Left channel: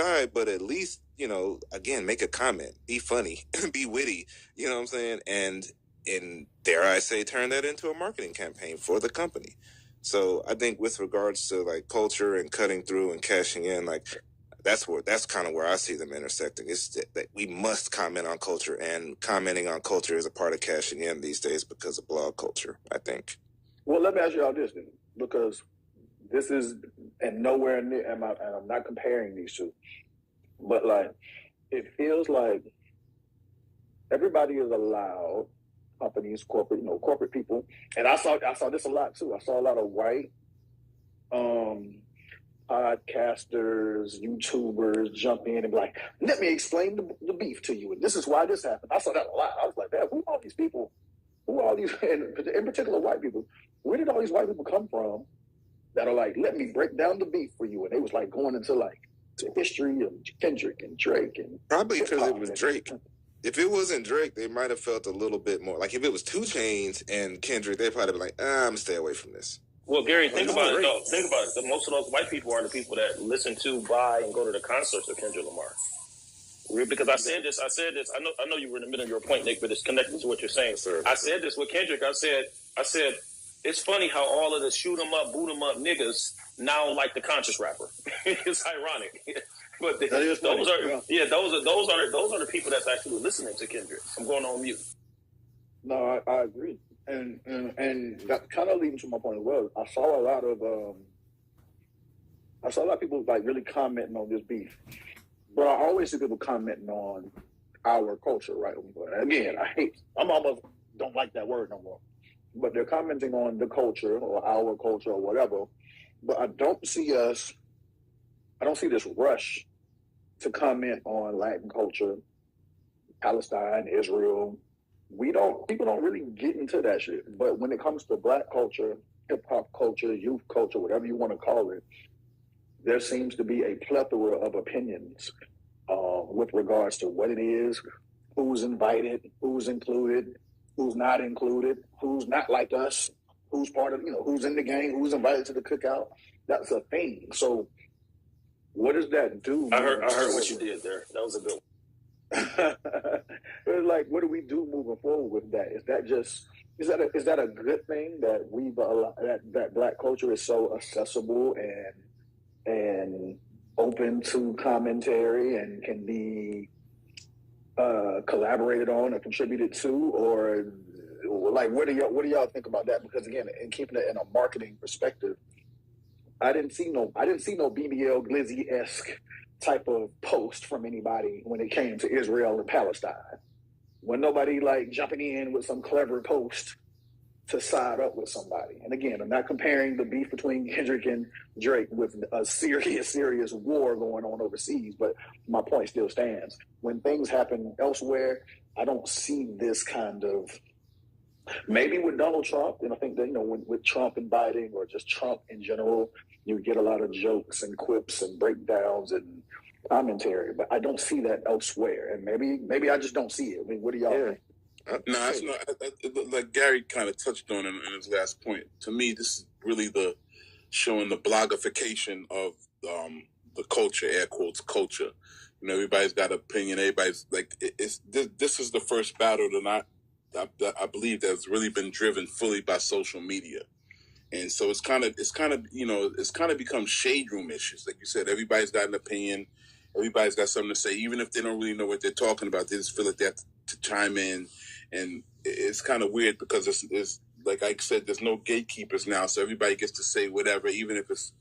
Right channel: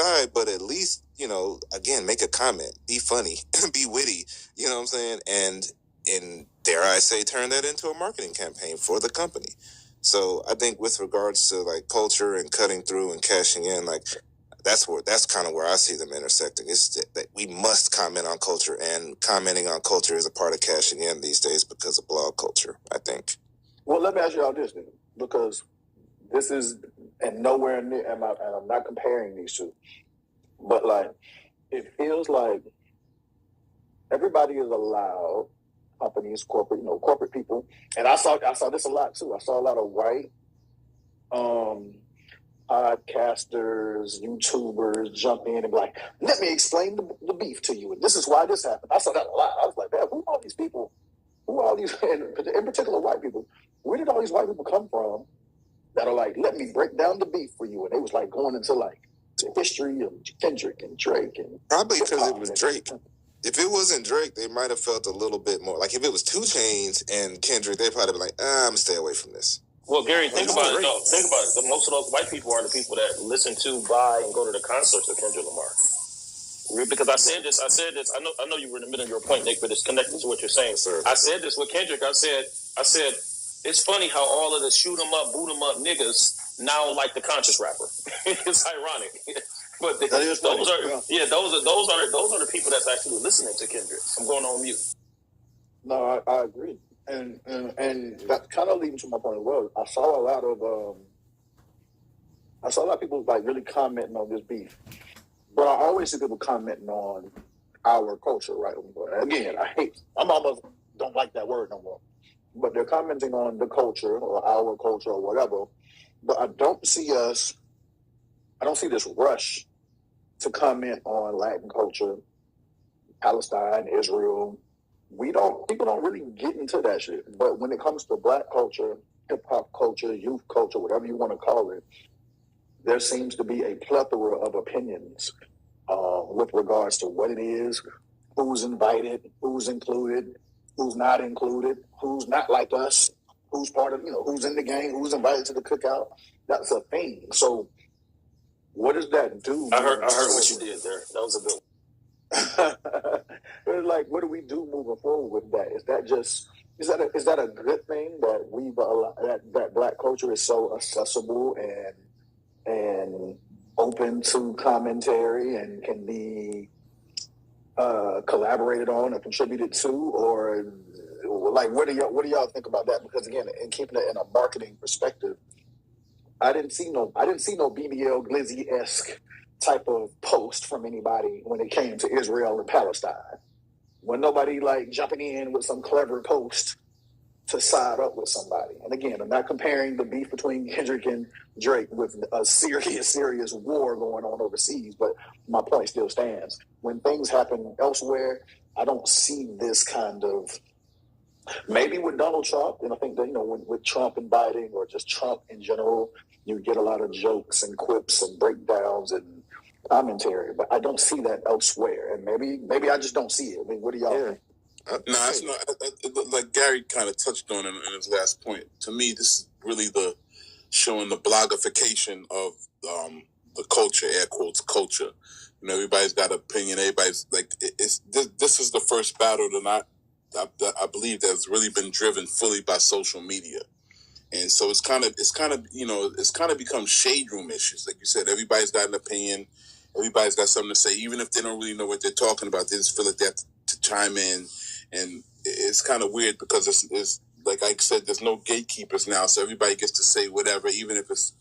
side, but at least, again, make a comment, be funny, be witty, you know what I'm saying? And dare I say, turn that into a marketing campaign for the company. So I think with regards to like culture and cutting through and cashing in, like that's kind of where I see them intersecting. It's that we must comment on culture, and commenting on culture is a part of cashing in these days because of blog culture, I think. Well, let me ask you all this then, because this is, and nowhere near, and I'm not comparing these two, but like, it feels like everybody is allowed, companies, corporate people, and I saw this a lot too. I saw a lot of white podcasters, YouTubers jump in and be like, let me explain the beef to you, and this is why this happened. I saw that a lot. I was like, man, who are all these people? Who are all these, in particular, white people? Where did all these white people come from that are like, let me break down the beef for you? And they was like going into like the history of Kendrick and Drake. And probably because it was Drake. If it wasn't Drake, they might have felt a little bit more. Like if it was 2 Chainz and Kendrick, they'd probably be like, I'm going to stay away from this. Well, Gary, think about it. No, think about it. Most of those white people are the people that listen to, buy, and go to the concerts of Kendrick Lamar. Because I said this. I know you were in the middle of your point, Nick, but it's connected to what you're saying, sir. I said this with Kendrick. I said, it's funny how all of the shoot 'em up, boot 'em up niggas now like the conscious rapper. It's ironic, but those are the people that's actually listening to Kendrick. I'm going on mute. No, I agree, and that kind of leads to my point as well. I saw a lot of people like really commenting on this beef. But I always see people commenting on our culture, right? Again, I'm almost don't like that word no more. But they're commenting on the culture or our culture or whatever. But I don't see this rush to comment on Latin culture, Palestine, Israel. People don't really get into that shit. But when it comes to Black culture, hip hop culture, youth culture, whatever you want to call it, there seems to be a plethora of opinions with regards to what it is, who's invited, who's included, who's not included, who's not like us, who's part of, who's in the gang, who's invited to the cookout. That's a thing. So what does that do? I heard what you did there. That was a good one. Like, what do we do moving forward with that? Is that a good thing that that Black culture is so accessible and open to commentary and can be collaborated on or contributed to, or like what do y'all think about that? Because again, in keeping it in a marketing perspective, I didn't see no BBL Glizzy-esque type of post from anybody when it came to Israel and Palestine. When nobody like jumping in with some clever post to side up with somebody. And again, I'm not comparing the beef between Kendrick and Drake with a serious war going on overseas, but my point still stands. When things happen elsewhere, I don't see this kind of, maybe with Donald Trump, and I think that, with Trump and Biden or just Trump in general, you get a lot of jokes and quips and breakdowns and commentary, but I don't see that elsewhere. And maybe I just don't see it. I mean, what do y'all think? No, that's not, like Gary kind of touched on in his last point. To me, this is really showing the blogification of the culture, air quotes, culture. Everybody's got an opinion. Everybody's like, this is the first battle that I believe that's really been driven fully by social media. And so it's kind of become shade room issues. Like you said, everybody's got an opinion. Everybody's got something to say, even if they don't really know what they're talking about. They just feel like they have to chime in. And it's kind of weird because it's like I said, there's no gatekeepers now, so everybody gets to say whatever, even if it's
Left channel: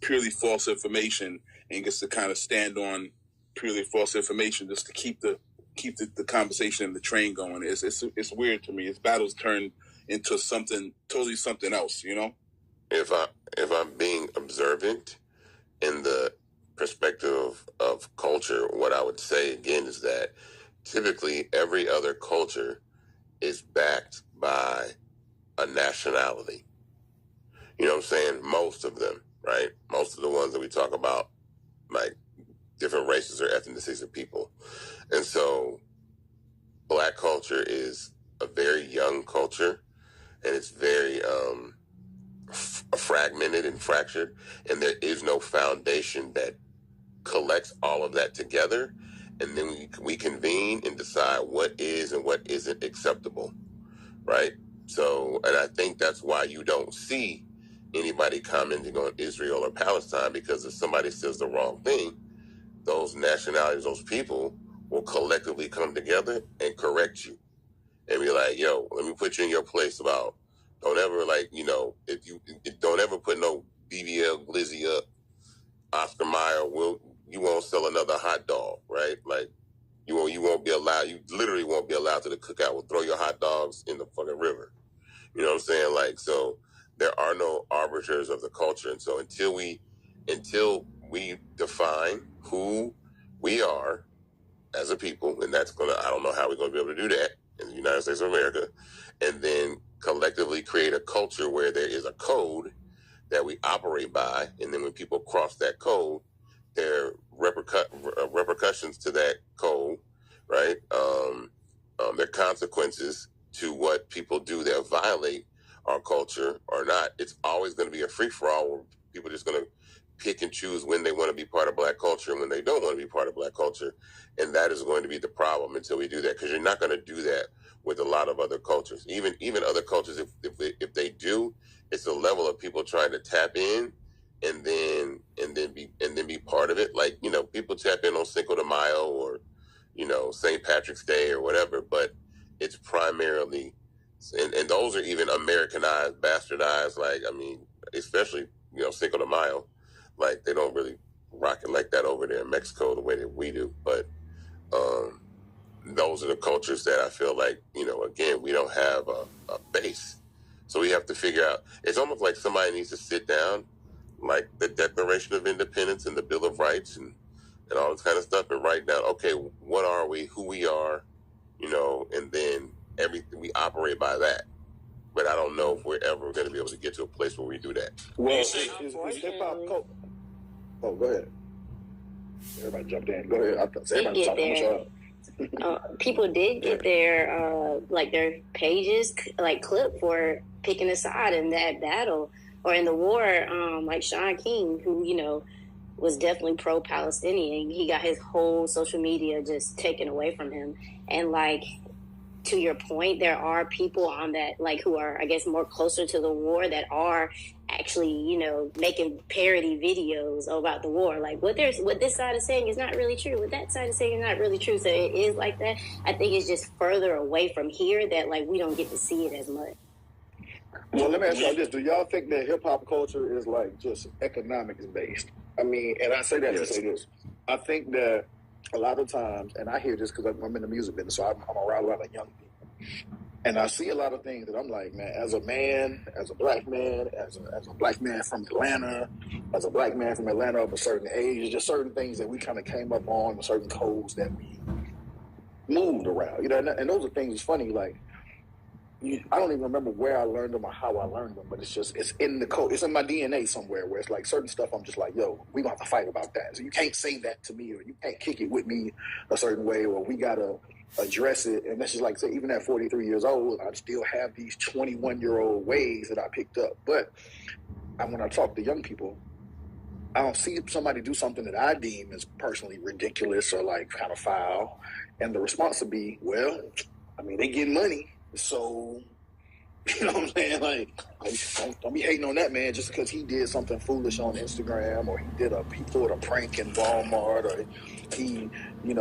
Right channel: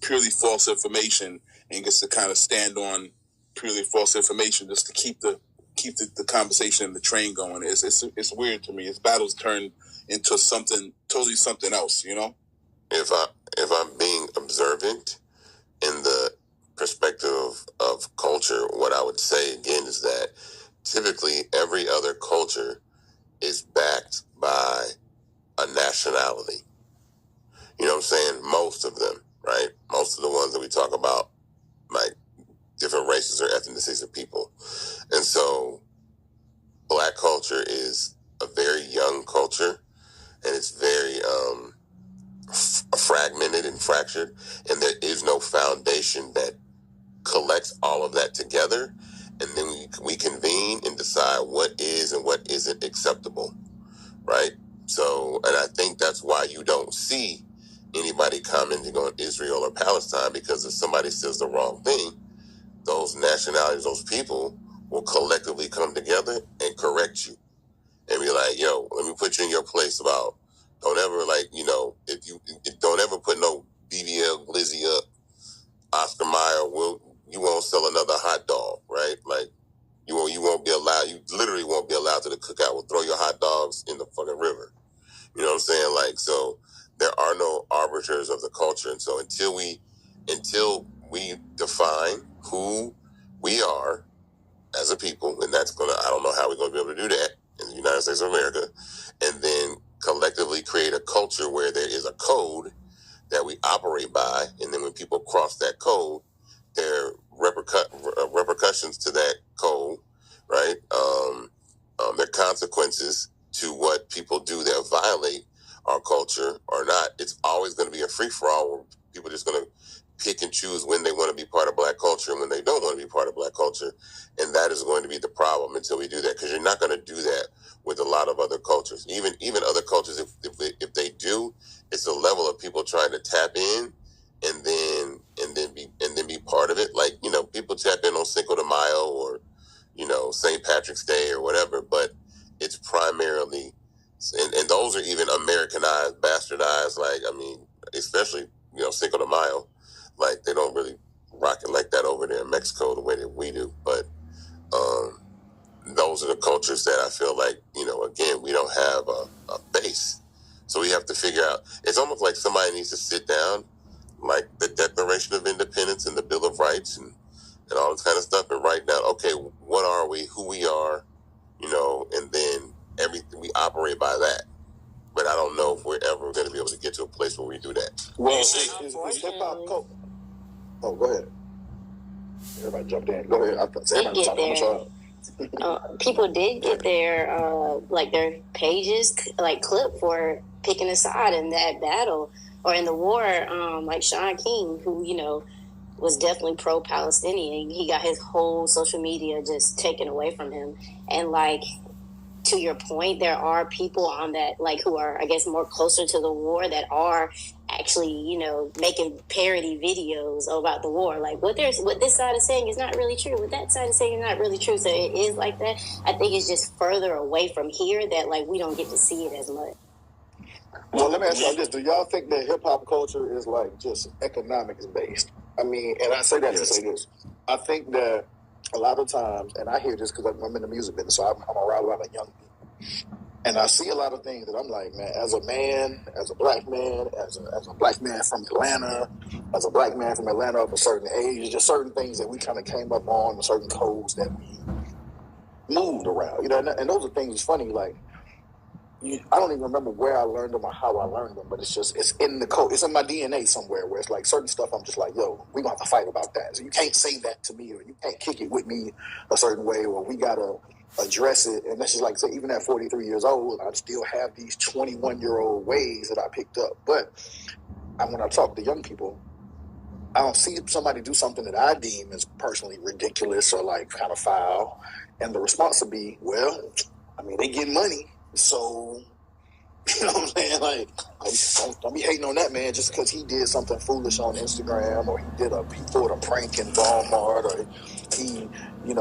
purely false information, and gets to kind of stand on purely false information just to keep the conversation and the train going. It's weird to me. It's battles turned into something else. If I'm being observant in the perspective of culture, what I would say again is that typically every other culture is backed by a nationality. You know what I'm saying? Most of them, right? Most of the ones that we talk about, like different races or ethnicities of people. And so Black culture is a very young culture, and it's very fragmented and fractured, and there is no foundation that collects all of that together, and then we convene and decide what is and what isn't acceptable, right? So, and I think that's why you don't see anybody commenting on Israel or Palestine, because if somebody says the wrong thing, those nationalities, those people will collectively come together and correct you and be like, yo, let me put you in your place about, don't ever, like, you know, if don't ever put no BBL Glizzy up, Oscar Mayer, you won't sell another hot dog, right? Like, you won't be allowed, you literally won't be allowed to the cookout. We'll throw your hot dogs in the fucking river. You know what I'm saying? Like, so there are no arbiters of the culture. And so until we define who we are as a people, and that's I don't know how we're going to be able to do that in the United States of America, and then collectively create a culture where there is a code that we operate by, and then when people cross that code, there are repercussions to that code, right? There are consequences to what people do that violate our culture or not. It's always going to be a free-for-all where people are just going to pick and choose when they want to be part of Black culture and when they don't want to be part of Black culture. And that is going to be the problem until we do that, because you're not going to do that with a lot of other cultures. Even other cultures, if they do, it's a level of people trying to tap in and then be part of it. Like, you know, people tap in on Cinco de Mayo or, you know, St. Patrick's Day or whatever, but it's primarily, and those are even Americanized, bastardized. Like, I mean, especially, you know, Cinco de Mayo, like, they don't really rock it like that over there in Mexico the way that we do. But those are the cultures that I feel like, you know, again, we don't have a base. So we have to figure out, it's almost like somebody needs to sit down, like the Declaration of Independence and the Bill of Rights and all this kind of stuff, and write down, okay, what are we, who we are, you know, and then everything, we operate by that. But I don't know if we're ever going to be able to get to a place where we do that. Well, is hip-hop culture... Oh, go ahead. Everybody jumped in. Go ahead. I thought everybody was talking about people did get their pages like clipped for picking a side in that battle or in the war. Like Shaun King, who, you know, was definitely pro-Palestinian. He got his whole social media just taken away from him. And like, to your point, there are people on that, like, who are, I guess, more closer to the war that are actually, you know, making parody videos about the war. Like, what this side is saying is not really true. What that side is saying is not really true. So it is like that. I think it's just further away from here that, like, we don't get to see it as much. Well, let me ask y'all this. Do y'all think that hip-hop culture is, like, just economics-based? I mean, and I say that to say this. I think that a lot of times, and I hear this because I'm in the music business, so I'm around a lot of young people. And I see a lot of things that I'm like, man, as a man, as a black man, as a black man from Atlanta, as a black man from Atlanta of a certain age, just certain things that we kind of came up on, certain codes that we moved around. You know, and those are things, it's funny, like, I don't even remember where I learned them or how I learned them, but it's in the code. It's in my DNA somewhere where it's like certain stuff I'm just like, yo, we gonna have to fight about that. So you can't say that to me, or you can't kick it with me a certain way, or we gotta address it. And that's just like, say, even at 43 years old, I still have these 21-year-old ways that I picked up. But when I talk to young people, I don't see somebody do something that I deem as personally ridiculous or like kind of foul, and the response would be, well, I mean, they get money. So, you know what I'm saying? Like, don't be hating on that man just because he did something foolish on Instagram, or he pulled a prank in Walmart, or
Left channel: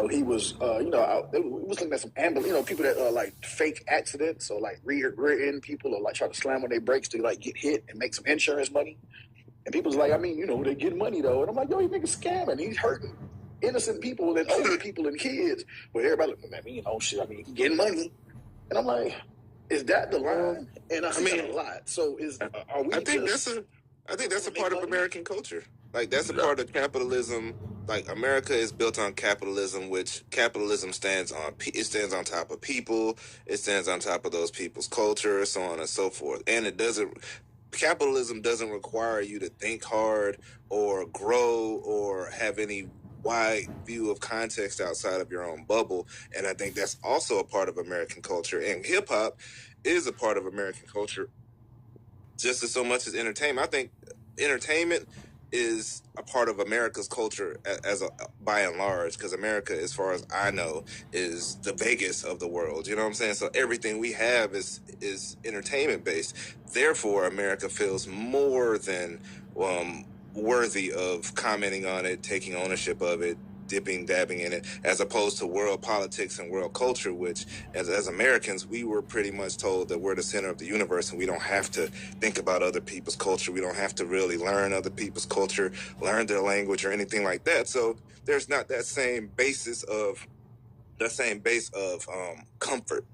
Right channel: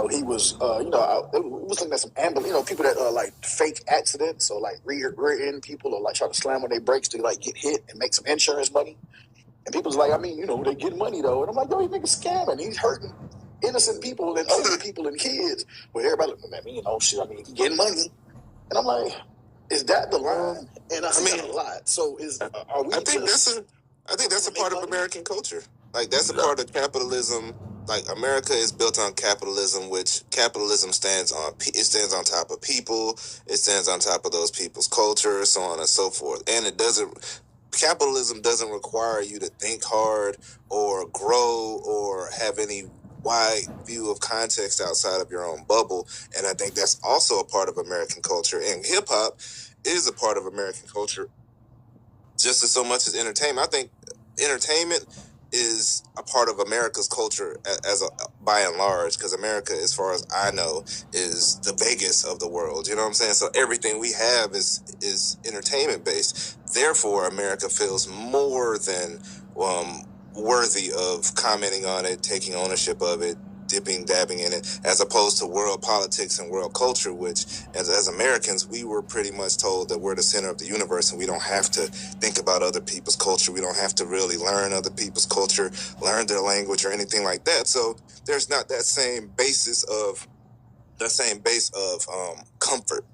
he was, we was looking at some people that like fake accidents, or like rear-end people, or like try to slam on their brakes to like get hit and make some insurance money. And people's like, I mean, they get money though. And I'm like, yo, he nigga's scamming. He's hurting innocent people and older people and kids. But everybody looking at me, shit, I mean, he getting money. And I'm like, is that the line? And I mean, a lot. So are we? I think that's a part of American culture. Like, that's a part of capitalism. Like, America is built on capitalism, which capitalism stands on. It stands on top of people. It stands on top of those people's culture, so on and so forth. And capitalism doesn't require you to think hard or grow or have any wide view of context outside of your own bubble. And I think that's also a part of American culture. And hip-hop is a part of American culture just as so much as entertainment. I think entertainment is a part of America's culture as a by and large, because America, as far as I know, is the Vegas of the world. You know what I'm saying? So everything we have is entertainment based. Therefore, America feels more than worthy of commenting on it, taking ownership of it, dipping, dabbing in it, as opposed to world politics and world culture, which as Americans, we were pretty much told that we're the center of the universe and we don't have to think about other people's culture. We don't have to really learn other people's culture, learn their language or anything like that. So there's not that same base of comfort.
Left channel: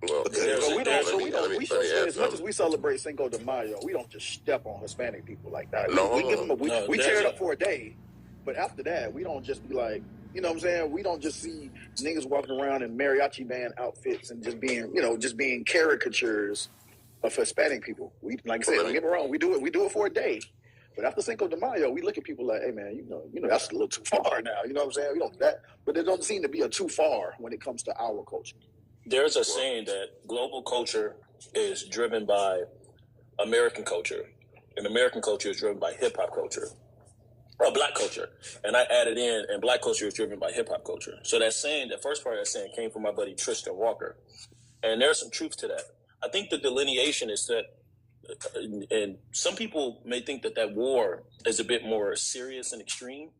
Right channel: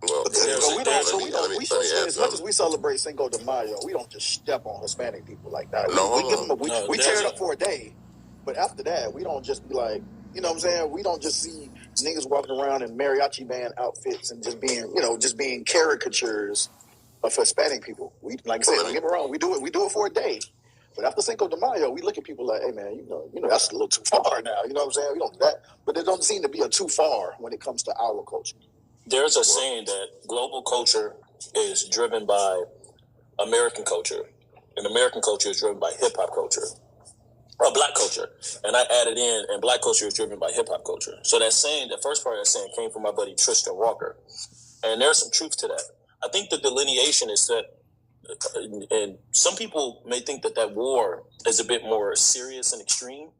Well, as much as we celebrate Cinco de Mayo, we don't just step on Hispanic people like that. We tear it up for a day, but after that, we don't just be like, you know what I'm saying? We don't just see niggas walking around in mariachi band outfits and just being caricatures of Hispanic people. We, like I said, don't get me wrong, we do it for a day. But after Cinco de Mayo, we look at people like, hey man, you know, that's a little too far now. You know what I'm saying? We don't do that, but it don't seem to be a too far when it comes to our culture. There's a saying that global culture is driven by American culture, and American culture is driven by hip hop culture, or black culture. And I added in, and black culture is driven by hip hop culture. So that saying, the first part of that saying came from my buddy Tristan Walker, and there's some truth to that. I think the delineation is that, and some people may think that war is a bit more serious and extreme,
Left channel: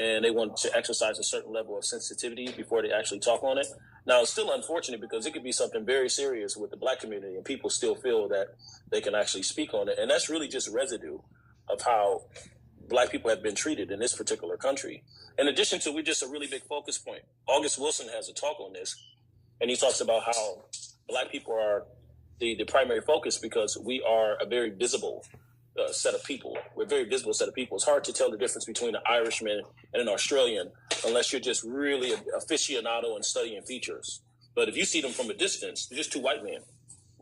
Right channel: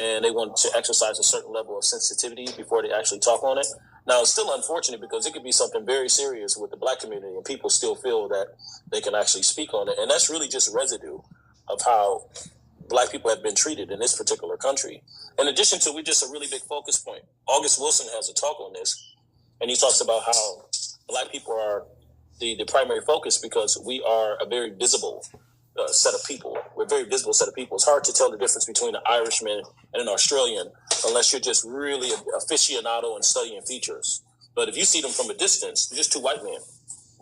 and they want to exercise a certain level of sensitivity before they actually talk on it. Now, it's still unfortunate because it could be something very serious with the black community and people still feel that they can actually speak on it. And that's really just residue of how black people have been treated in this particular country. In addition to, we're just a really big focus point. August Wilson has a talk on this, and he talks about how black people are the primary focus because we are a very visible set of people. We're a very visible set of people. It's hard to tell the difference between an Irishman and an Australian unless you're just really aficionado and studying features. But if you see them from a distance, they're just two white men.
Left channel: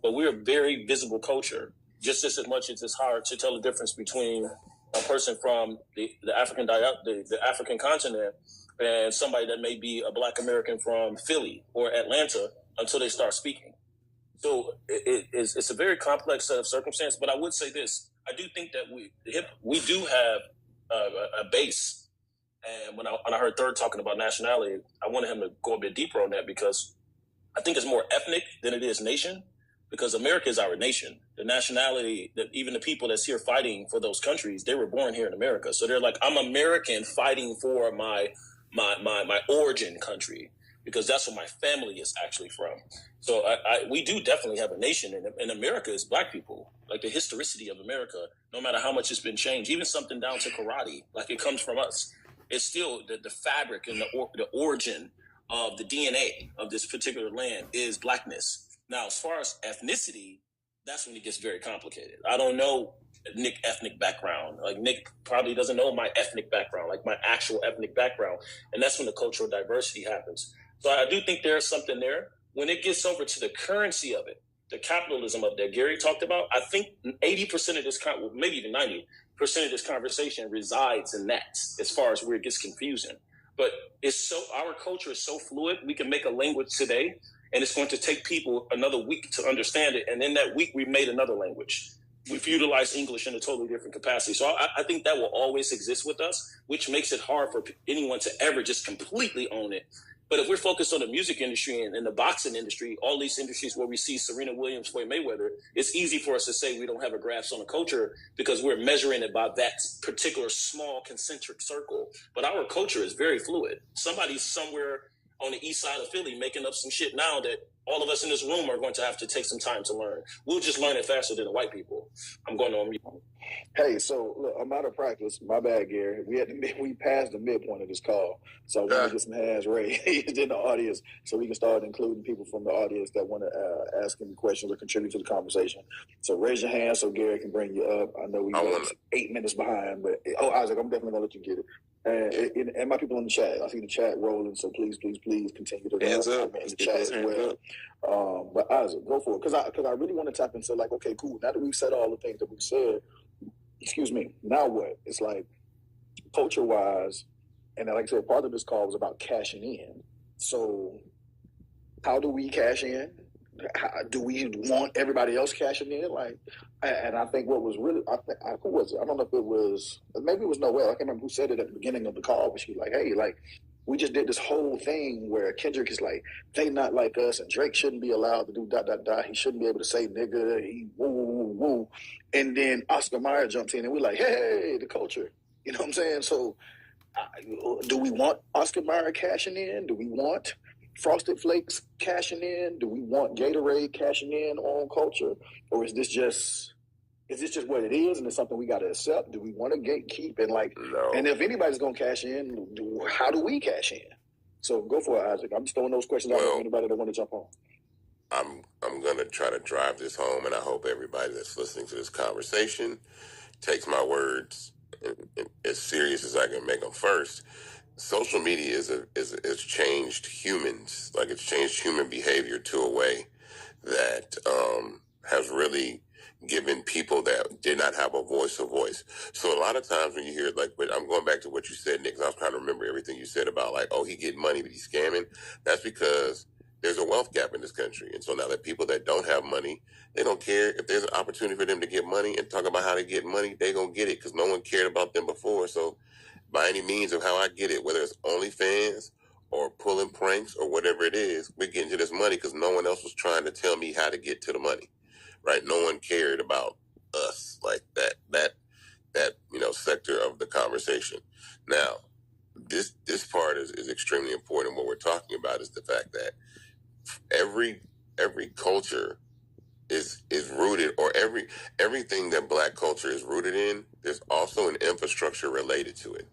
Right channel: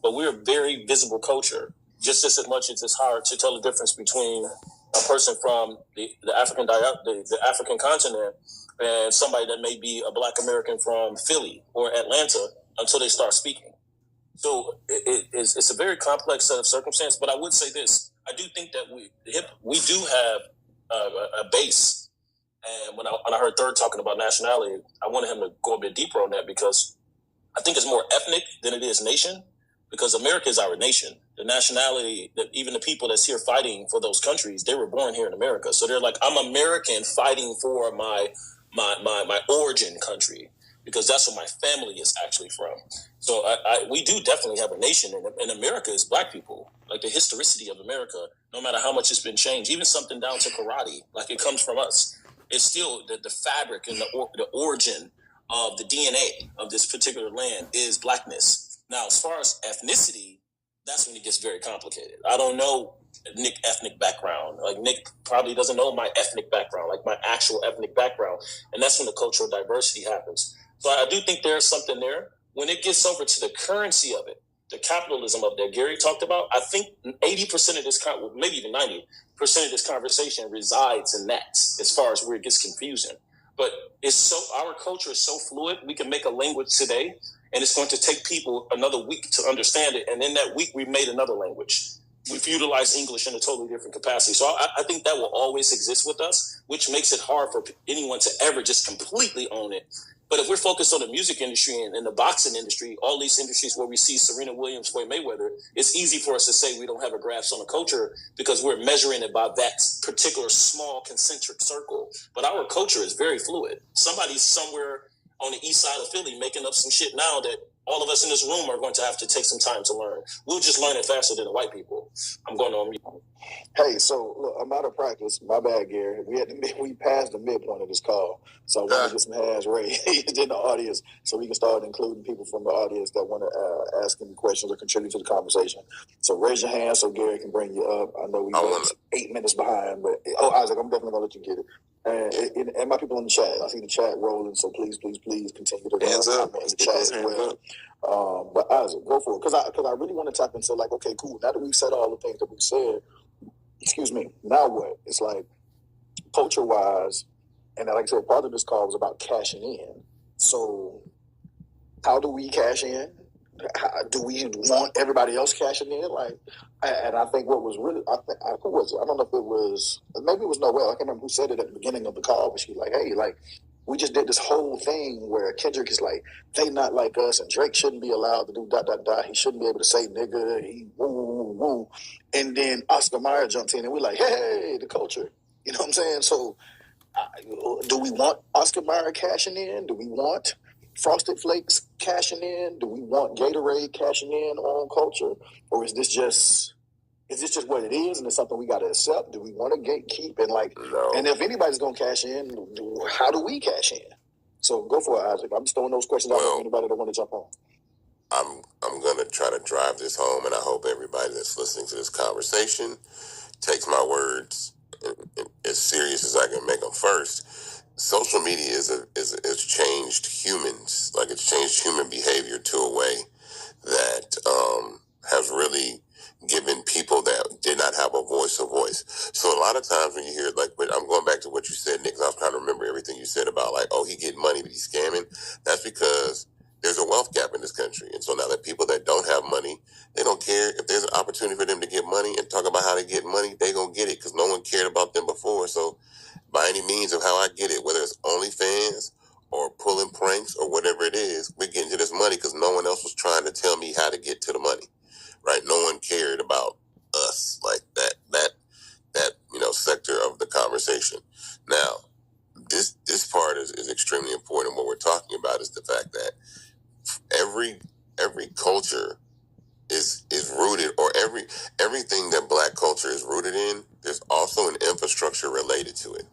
But we're a very visible culture, just as much as it's hard to tell the difference between a person from the African continent and somebody that may be a black American from Philly or Atlanta until they start speaking. So it's a very complex set of circumstances. But I would say this. I do think that we do have a base. And when I heard Third talking about nationality, I wanted him to go a bit deeper on that because I think it's more ethnic than it is nation, because America is our nation. The nationality, that even the people that's here fighting for those countries, they were born here in America. So they're like, I'm American fighting for my origin country, because that's where my family is actually from. So we do definitely have a nation, and America is black people. Like the historicity of America, no matter how much it's been changed, even something down to karate, like it comes from us. It's still the fabric and the origin of the DNA of this particular land is blackness. Now, as far as ethnicity, that's when it gets very complicated. I don't know Nick's ethnic background. Like Nick probably doesn't know my ethnic background, like my actual ethnic background. And that's when the cultural diversity happens. So I do think there's something there. When it gets over to the currency of it, the capitalism of that Gary talked about, I think 80% of this, maybe even 90% of this conversation resides in that, as far as where it gets confusing. But our culture is so fluid. We can make a language today, and it's going to take people another week to understand it. And in that week, we made another language. We've utilized English in a totally different capacity. So I think that will always exist with us, which makes it hard for anyone to ever just completely own it. But if we're focused on the music industry and the boxing industry, all these industries where we see Serena Williams, Floyd Mayweather, it's easy for us to say we don't have a grasp on the culture because we're measuring it by that particular small concentric circle. But our culture is very fluid. Somebody's somewhere on the east side of Philly making up some shit now that all of us in this room are going to have to take some time to learn. We'll just learn it faster than the white people. I'm going on mute. Hey, so look, I'm out of practice. My bad, Gary. We passed the midpoint of this call, so I want to get some hands raised in the audience so we can start including people from the audience that want to ask any questions or contribute to the conversation. So raise your hand so Gary can bring you up. I know we're 8 minutes behind, but Isaac, I'm definitely gonna let you get it. And my people in the chat, I see the chat rolling, so please continue to hands up in the chat as well. But Isaac, go for it, because I really want to tap into like, okay, cool. Now that we've said all the things that we've said, now what? It's like culture-wise, and like I said, part of this call was about cashing in. So how do we cash in? do we want everybody else cashing in? Like, and I think what was really, I don't know if it was, maybe it was Noel. I can't remember who said it at the beginning of the call, but she was like, hey, like, we just did this whole thing where Kendrick is like, they not like us, and Drake shouldn't be allowed to do ... He shouldn't be able to say nigga, he woo, woo, woo. And then Oscar Mayer jumps in, and we're like, hey, the culture. You know what I'm saying? So, do we want Oscar Mayer cashing in? Do we want Frosted Flakes cashing in? Do we want Gatorade cashing in on culture? Or is this just what it is, and it's something we got to accept? Do we want to gatekeep and like? No. And if anybody's gonna cash in, how do we cash in? So go for it, Isaac. I'm just throwing those questions out for anybody that want to jump on. I'm gonna try to drive this home, and I hope everybody that's listening to this conversation takes my words as serious as I can make them. First, social media is changed humans, like it's changed human behavior to a way that has really given people that did not have a voice. So a lot of times when you hear, like, I'm going back to what you said, Nick, 'cause I was trying to remember everything you said about, like, oh, he get money, but he's scamming. That's because there's a wealth gap in this country. And so now that people that don't have money, they don't care if there's an opportunity for them to get money and talk about how to get money, they gonna get it because no one cared about them before. So by any means of how I get it, whether it's OnlyFans or pulling pranks or whatever it is, we're getting to this money because no one else was trying to tell me how to get to the money, right? No one cared about us like that sector of the conversation. Now, this part is extremely important. What we're talking about is the fact that every culture is rooted, or everything that Black culture is rooted in, there's also an infrastructure related to it.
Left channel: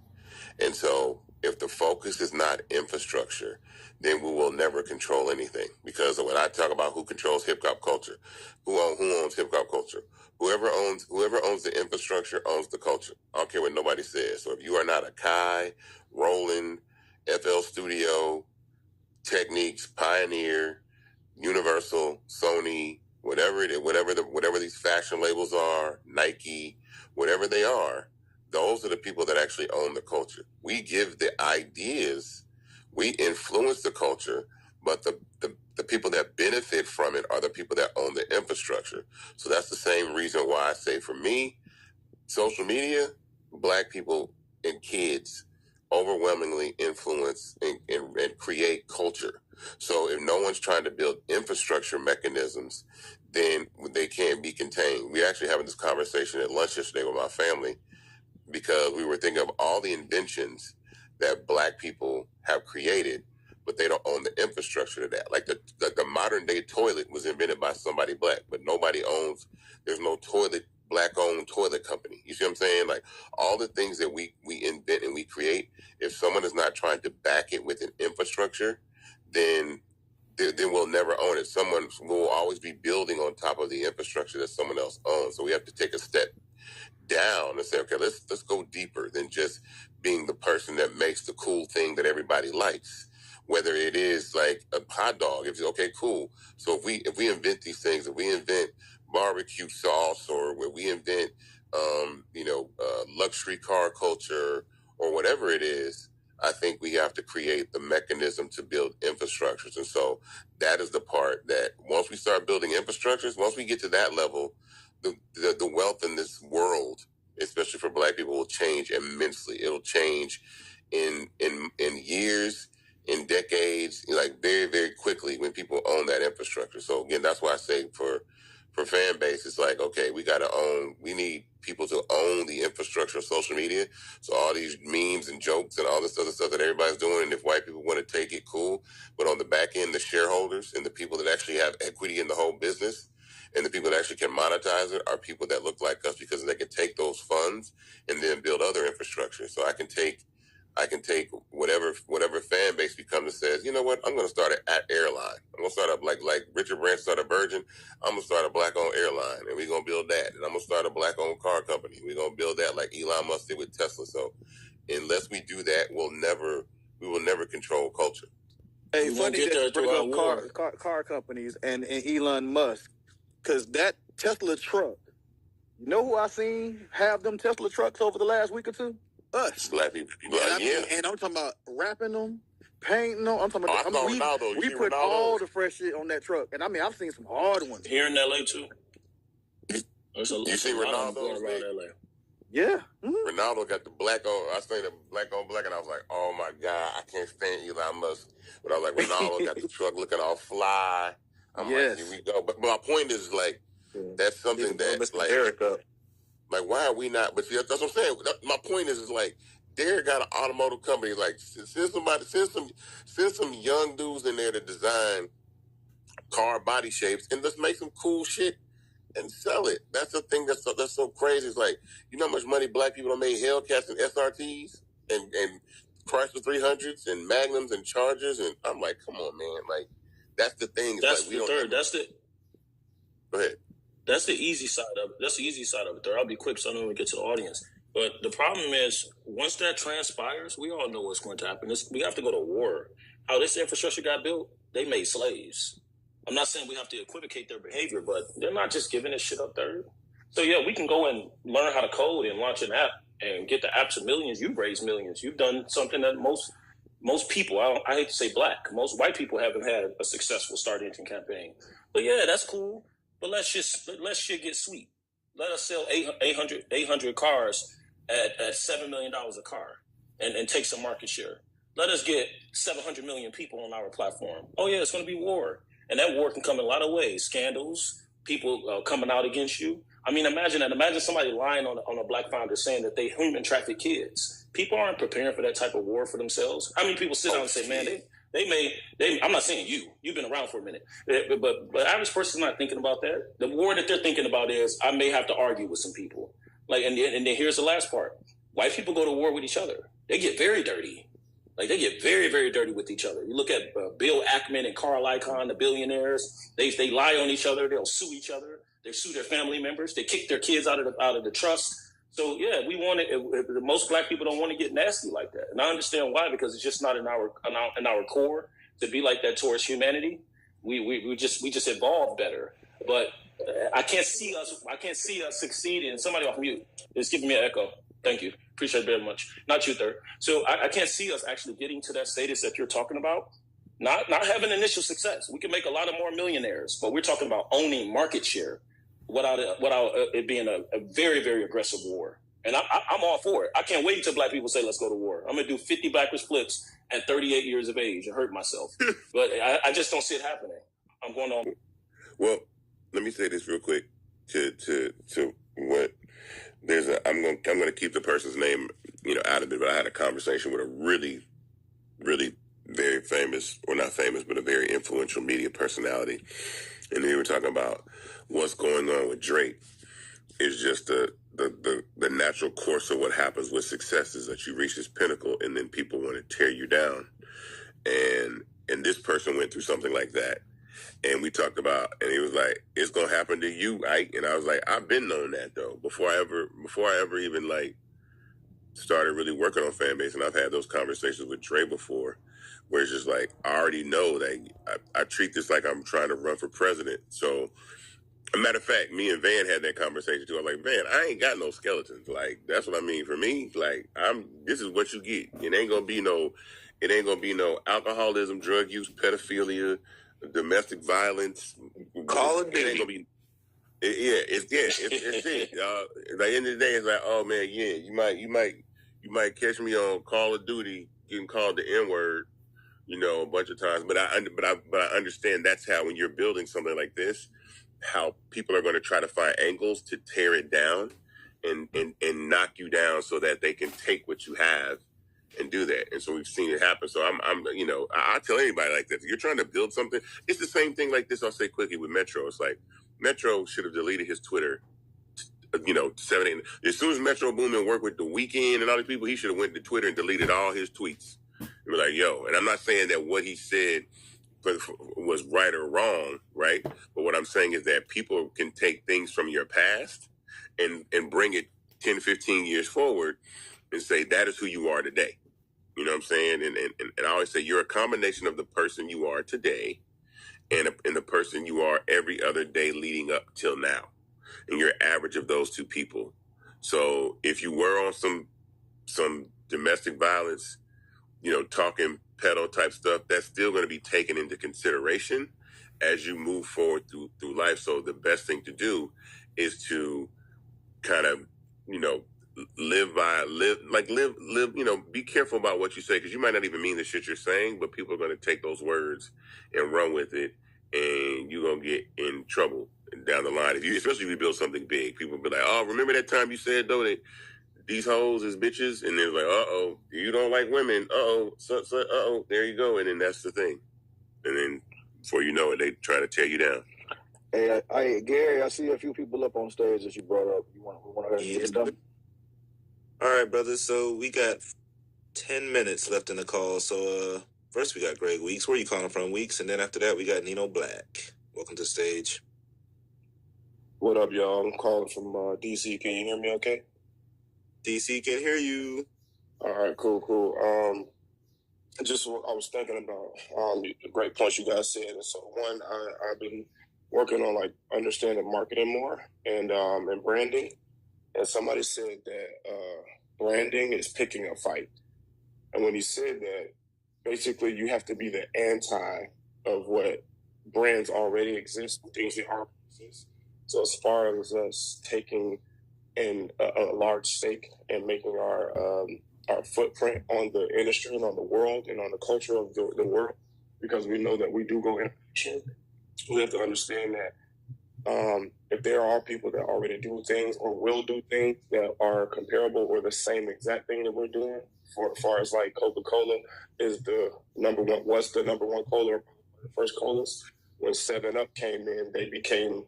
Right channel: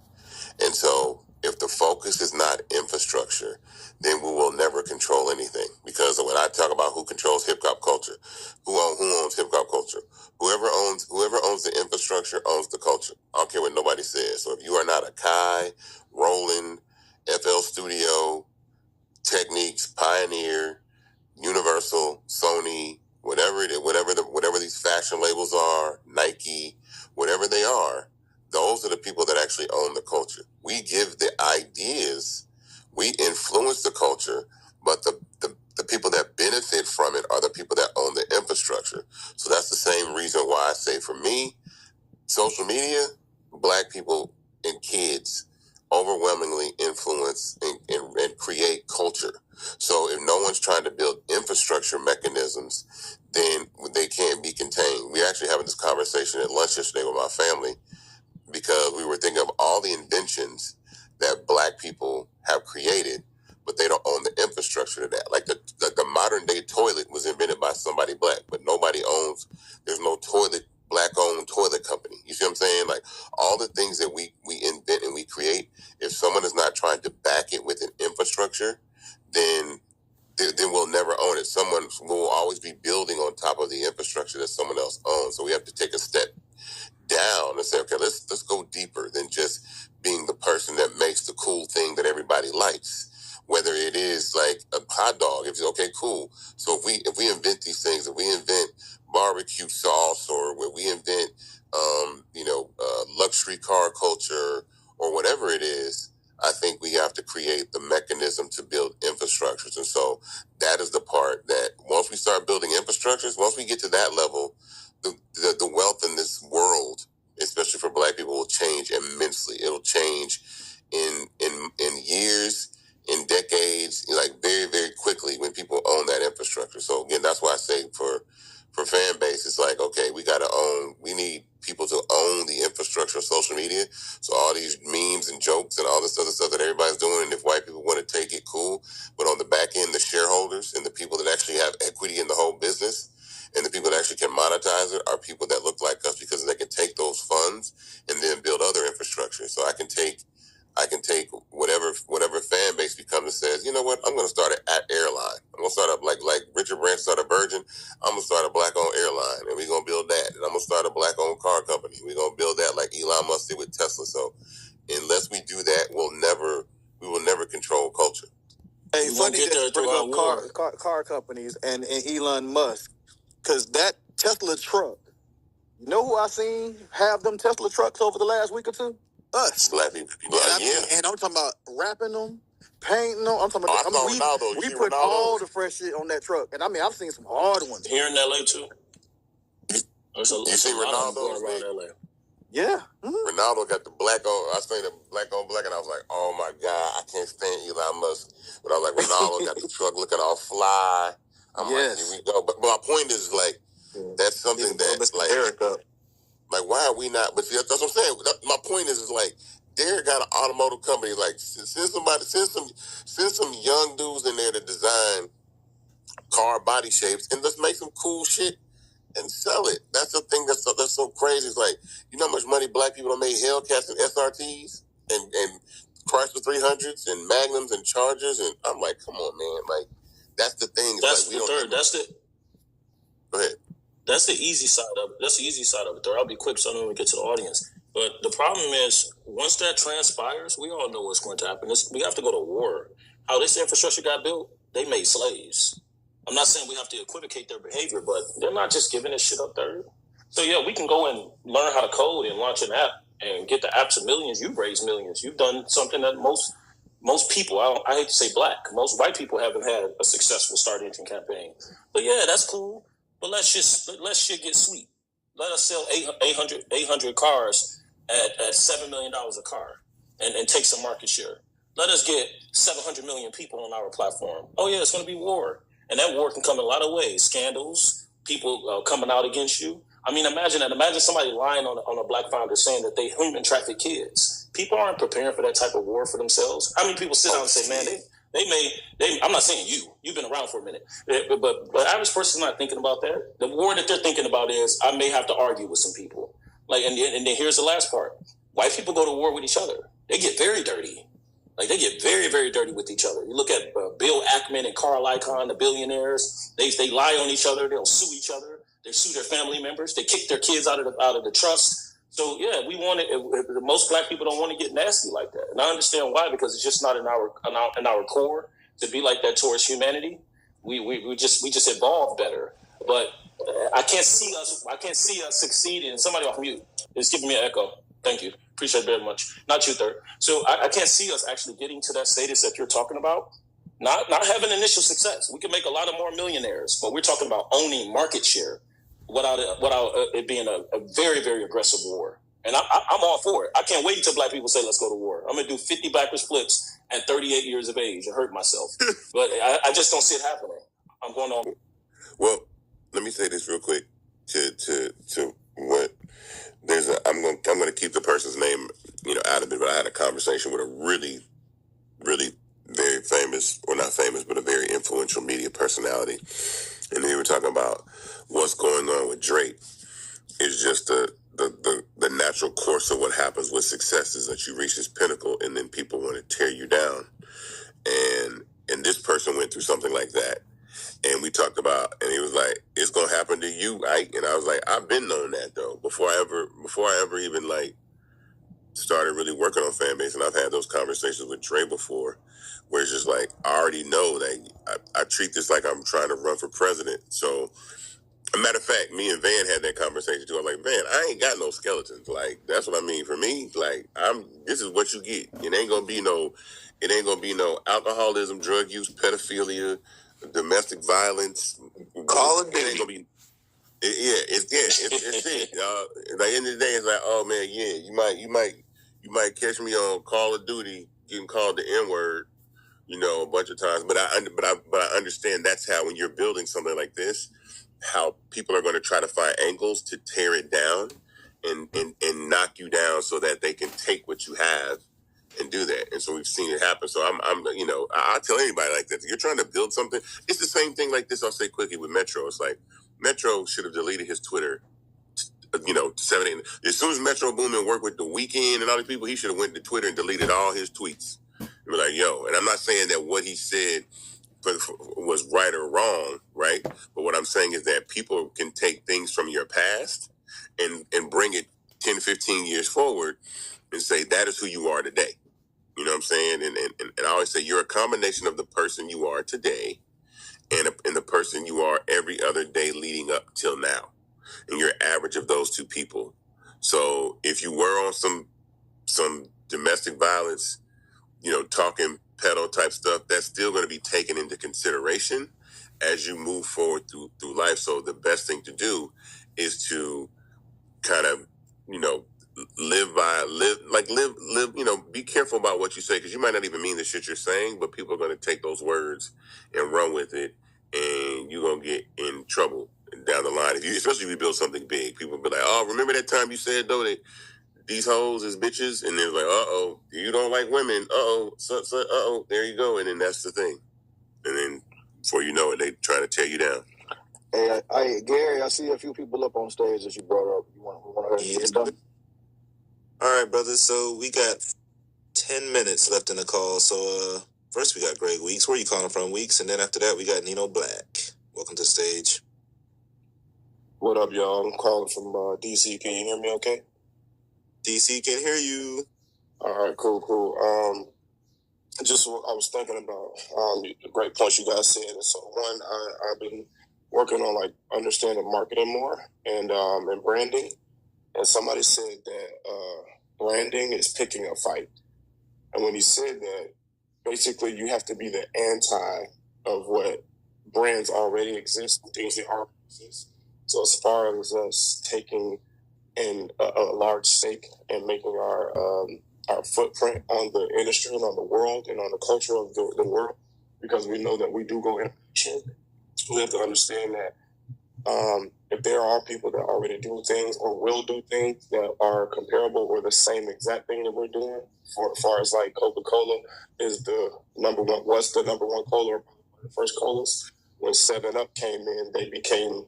And so if the focus is not infrastructure, then we will never control anything. Because when I talk about who controls hip hop culture, who owns hip hop culture, whoever owns the infrastructure owns the culture. I don't care what nobody says. So if you are not a Kai, Roland, FL Studio, Techniques, Pioneer, Universal, Sony, whatever it is, whatever these fashion labels are, Nike, whatever they are, those are the people that actually own the culture. We give the ideas, we influence the culture, but the people that benefit from it are the people that own the infrastructure. So that's the same reason why I say, for me, social media, Black people and kids overwhelmingly influence and create culture. So if no one's trying to build infrastructure mechanisms, then they can't be contained. We actually having this conversation at lunch yesterday with my family, because we were thinking of all the inventions that Black people have created, but they don't own the infrastructure to that. Like the modern day toilet was invented by somebody Black, but nobody owns, there's no Black-owned toilet company. You see what I'm saying? Like, all the things that we invent and we create, if someone is not trying to back it with an infrastructure, then we'll never own it. Someone will always be building on top of the infrastructure that someone else owns. So we have to take a step down and say, okay, let's go deeper than just being the person that makes the cool thing that everybody likes. Whether it is like a hot dog, if it's okay, cool. So if we invent these things, if we invent barbecue sauce, or where we invent luxury car culture, or whatever it is, I think we have to create the mechanism to build infrastructures. And so that is the part that once we start building infrastructures, once we get to that level, the wealth in this world, especially for Black people, will change immensely. It'll change in years, in decades, like very, very quickly when people own that infrastructure. So again, that's why I say for fan base, it's like, okay, we need people to own the infrastructure of social media. So all these memes and jokes and all this other stuff that everybody's doing, and if white people want to take it, cool. But on the back end, the shareholders and the people that actually have equity in the whole business, and the people that actually can monetize it, are people that look like us, because they can take those funds and then build other infrastructure. So I can take whatever fan base becomes and says, you know what, I'm going to start at airline. I'm going to start up like Richard Branson started Virgin. I'm going to start a Black-owned airline, and we're going to build that. And I'm going to start a Black-owned car company. We're going to build that like Elon Musk did with Tesla. So unless we do that, we will never control culture. Hey, funny that you bring up car companies and Elon Musk, because that Tesla truck, you know who I seen have them Tesla trucks over the last week or two? Us. Black people. And I'm talking about wrapping them paint. No, I'm talking about. We put all the fresh shit on that truck, and I mean, I've seen some hard ones here in LA too. You seen Ronaldo going around LA? Yeah. Ronaldo got the black on. I seen the black on black, and I was like, "Oh my god, I can't stand Elon Musk." But I was like, Ronaldo got the truck looking all fly. I'm like, here we go. But my point is like, that's something that like Derek up. Like, why are we not? But see, that's what I'm saying. My point is like, Derek got an automotive company. Like, send some young dudes in there to design car body shapes, and let's make some cool shit and sell it. That's the thing that's so crazy. It's like, you know how much money black people have made Hellcats and SRTs and Chrysler 300s and Magnums and Chargers, and I'm like, come on, man. Like, that's the thing. That's like, the third. Go ahead. That's the easy side of it. That's the easy side of it. I'll be quick so I don't even get to the audience. But the problem is, once that transpires, we all know what's going to happen. We have to go to war. How this infrastructure got built, they made slaves. I'm not saying we have to equivocate their behavior, but they're not just giving this shit up third. So yeah, we can go and learn how to code and launch an app and get the apps of millions. You've raised millions. You've done something that most people, I hate to say black, most white people haven't had a successful start engine campaign. But yeah, that's cool. But let shit get sweet. Let us sell 800 cars at $7 million a car and take some market share. Let us get 700 million people on our platform. Oh yeah, it's going to be war. And that war can come in a lot of ways. Scandals, people coming out against you. I mean, imagine that. Imagine somebody lying on a black founder saying that they human traffic kids. People aren't preparing for that type of war for themselves. How many people sit down and say, man, I'm not saying you've been around for a minute, but the average person's not thinking about that. The war that they're thinking about is, I may have to argue with some people. Like, and then here's the last part. White people go to war with each other. They get very dirty. Like, they get very, very dirty with each other. You look at Bill Ackman and Carl Icahn, the billionaires. They lie on each other. They'll sue each other. They sue their family members. They kick their kids out of the trust. So yeah, we want it. Most black people don't want to get nasty like that, and I understand why, because it's just not in our core to be like that towards humanity. We just evolve better. But I can't see us succeeding. Somebody off mute. It's giving me an echo. Thank you. Appreciate it very much. Not you, third. So I can't see us actually getting to that status that you're talking about. Not having initial success. We can make a lot of more millionaires, but we're talking about owning market share without it being a very, very aggressive war. And I'm all for it. I can't wait until black people say, let's go to war. I'm going to do 50 backwards flips at 38 years of age and hurt myself. But I just don't see it happening. I'm going on. Well, let me say this real quick to what I'm going to keep the person's name, out of it, but I had a conversation with a really, really very famous, or not famous, but a very influential media personality. And they were talking about what's going on with Drake is just the natural course of what happens with success is that you reach this pinnacle and then people want to tear you down. And this person went through something like that. And we talked about, and he was like, it's going to happen to you, right? And I was like, I've been knowing that though, before I ever even like started really working on Fanbase. And I've had those conversations with Dre before, where it's just like, I already know that I treat this like I'm trying to run for president. So, a matter of fact, me and Van had that conversation too. I'm like, Van, I ain't got no skeletons. Like, that's what I mean. For me, like, this is what you get. It ain't gonna be no alcoholism, drug use, pedophilia, domestic violence. Call it. It ain't gonna be. It's it. At the end of the day, it's like, oh man, yeah, you might catch me on Call of Duty getting called the N-word, a bunch of times. But I understand that's how, when you're building something like this, how people are going to try to find angles to tear it down and knock you down so that they can take what you have and do that. And so we've seen it happen. So I tell anybody like that, if you're trying to build something, it's the same thing like this. I'll say quickly with Metro. It's like Metro should have deleted his Twitter, 7, 8. As soon as Metro Boomin worked with The Weeknd and all these people, he should have went to Twitter and deleted all his tweets. And be like, yo, and I'm not saying that what he said was right or wrong, right? But what I'm saying is that people can take things from your past and bring it 10, 15 years forward and say, that is who you are today. You know what I'm saying? And I always say, you're a combination of the person you are today and the person you are every other day leading up till now. And you're average of those two people. So if you were on some domestic violence, talking pedal type stuff, that's still going to be taken into consideration as you move forward through life. So the best thing to do is to kind of, live, be careful about what you say, because you might not even mean the shit you're saying, but people are going to take those words and run with it, and you're going to get in trouble down the line. Especially if you build something big, people will be like, oh, remember that time you said, though, that these hoes is bitches? And they're like, uh-oh, you don't like women. Uh-oh, uh-oh, there you go. And then that's the thing. And then before you know it, they try to tear you down. Hey, Gary, I see a few people up on stage that you brought up. We want to hear stuff? All right, brothers. So we got 10 minutes left in the call. So first we got Greg Weeks. Where are you calling from, Weeks? And then after that, we got Nino Black. Welcome to the stage. What up, y'all? I'm calling from DC. Can you hear me okay? DC can hear you. All right, cool. I was thinking about the great points you guys said. And so one, I've been working on understanding marketing more and branding. And somebody said that branding is picking a fight. And when he said that, basically you have to be the anti of what brands already exist, things that already exist. So as far as us taking in a large stake and making our footprint on the industry and on the world and on the culture of the world, because we know that we do go in action, we have to understand that if there are people that already do things or will do things that are comparable or the same exact thing that we're doing, for as far as Coca-Cola is the number one, was the number one cola, or the first colas. When 7-Up came in, they became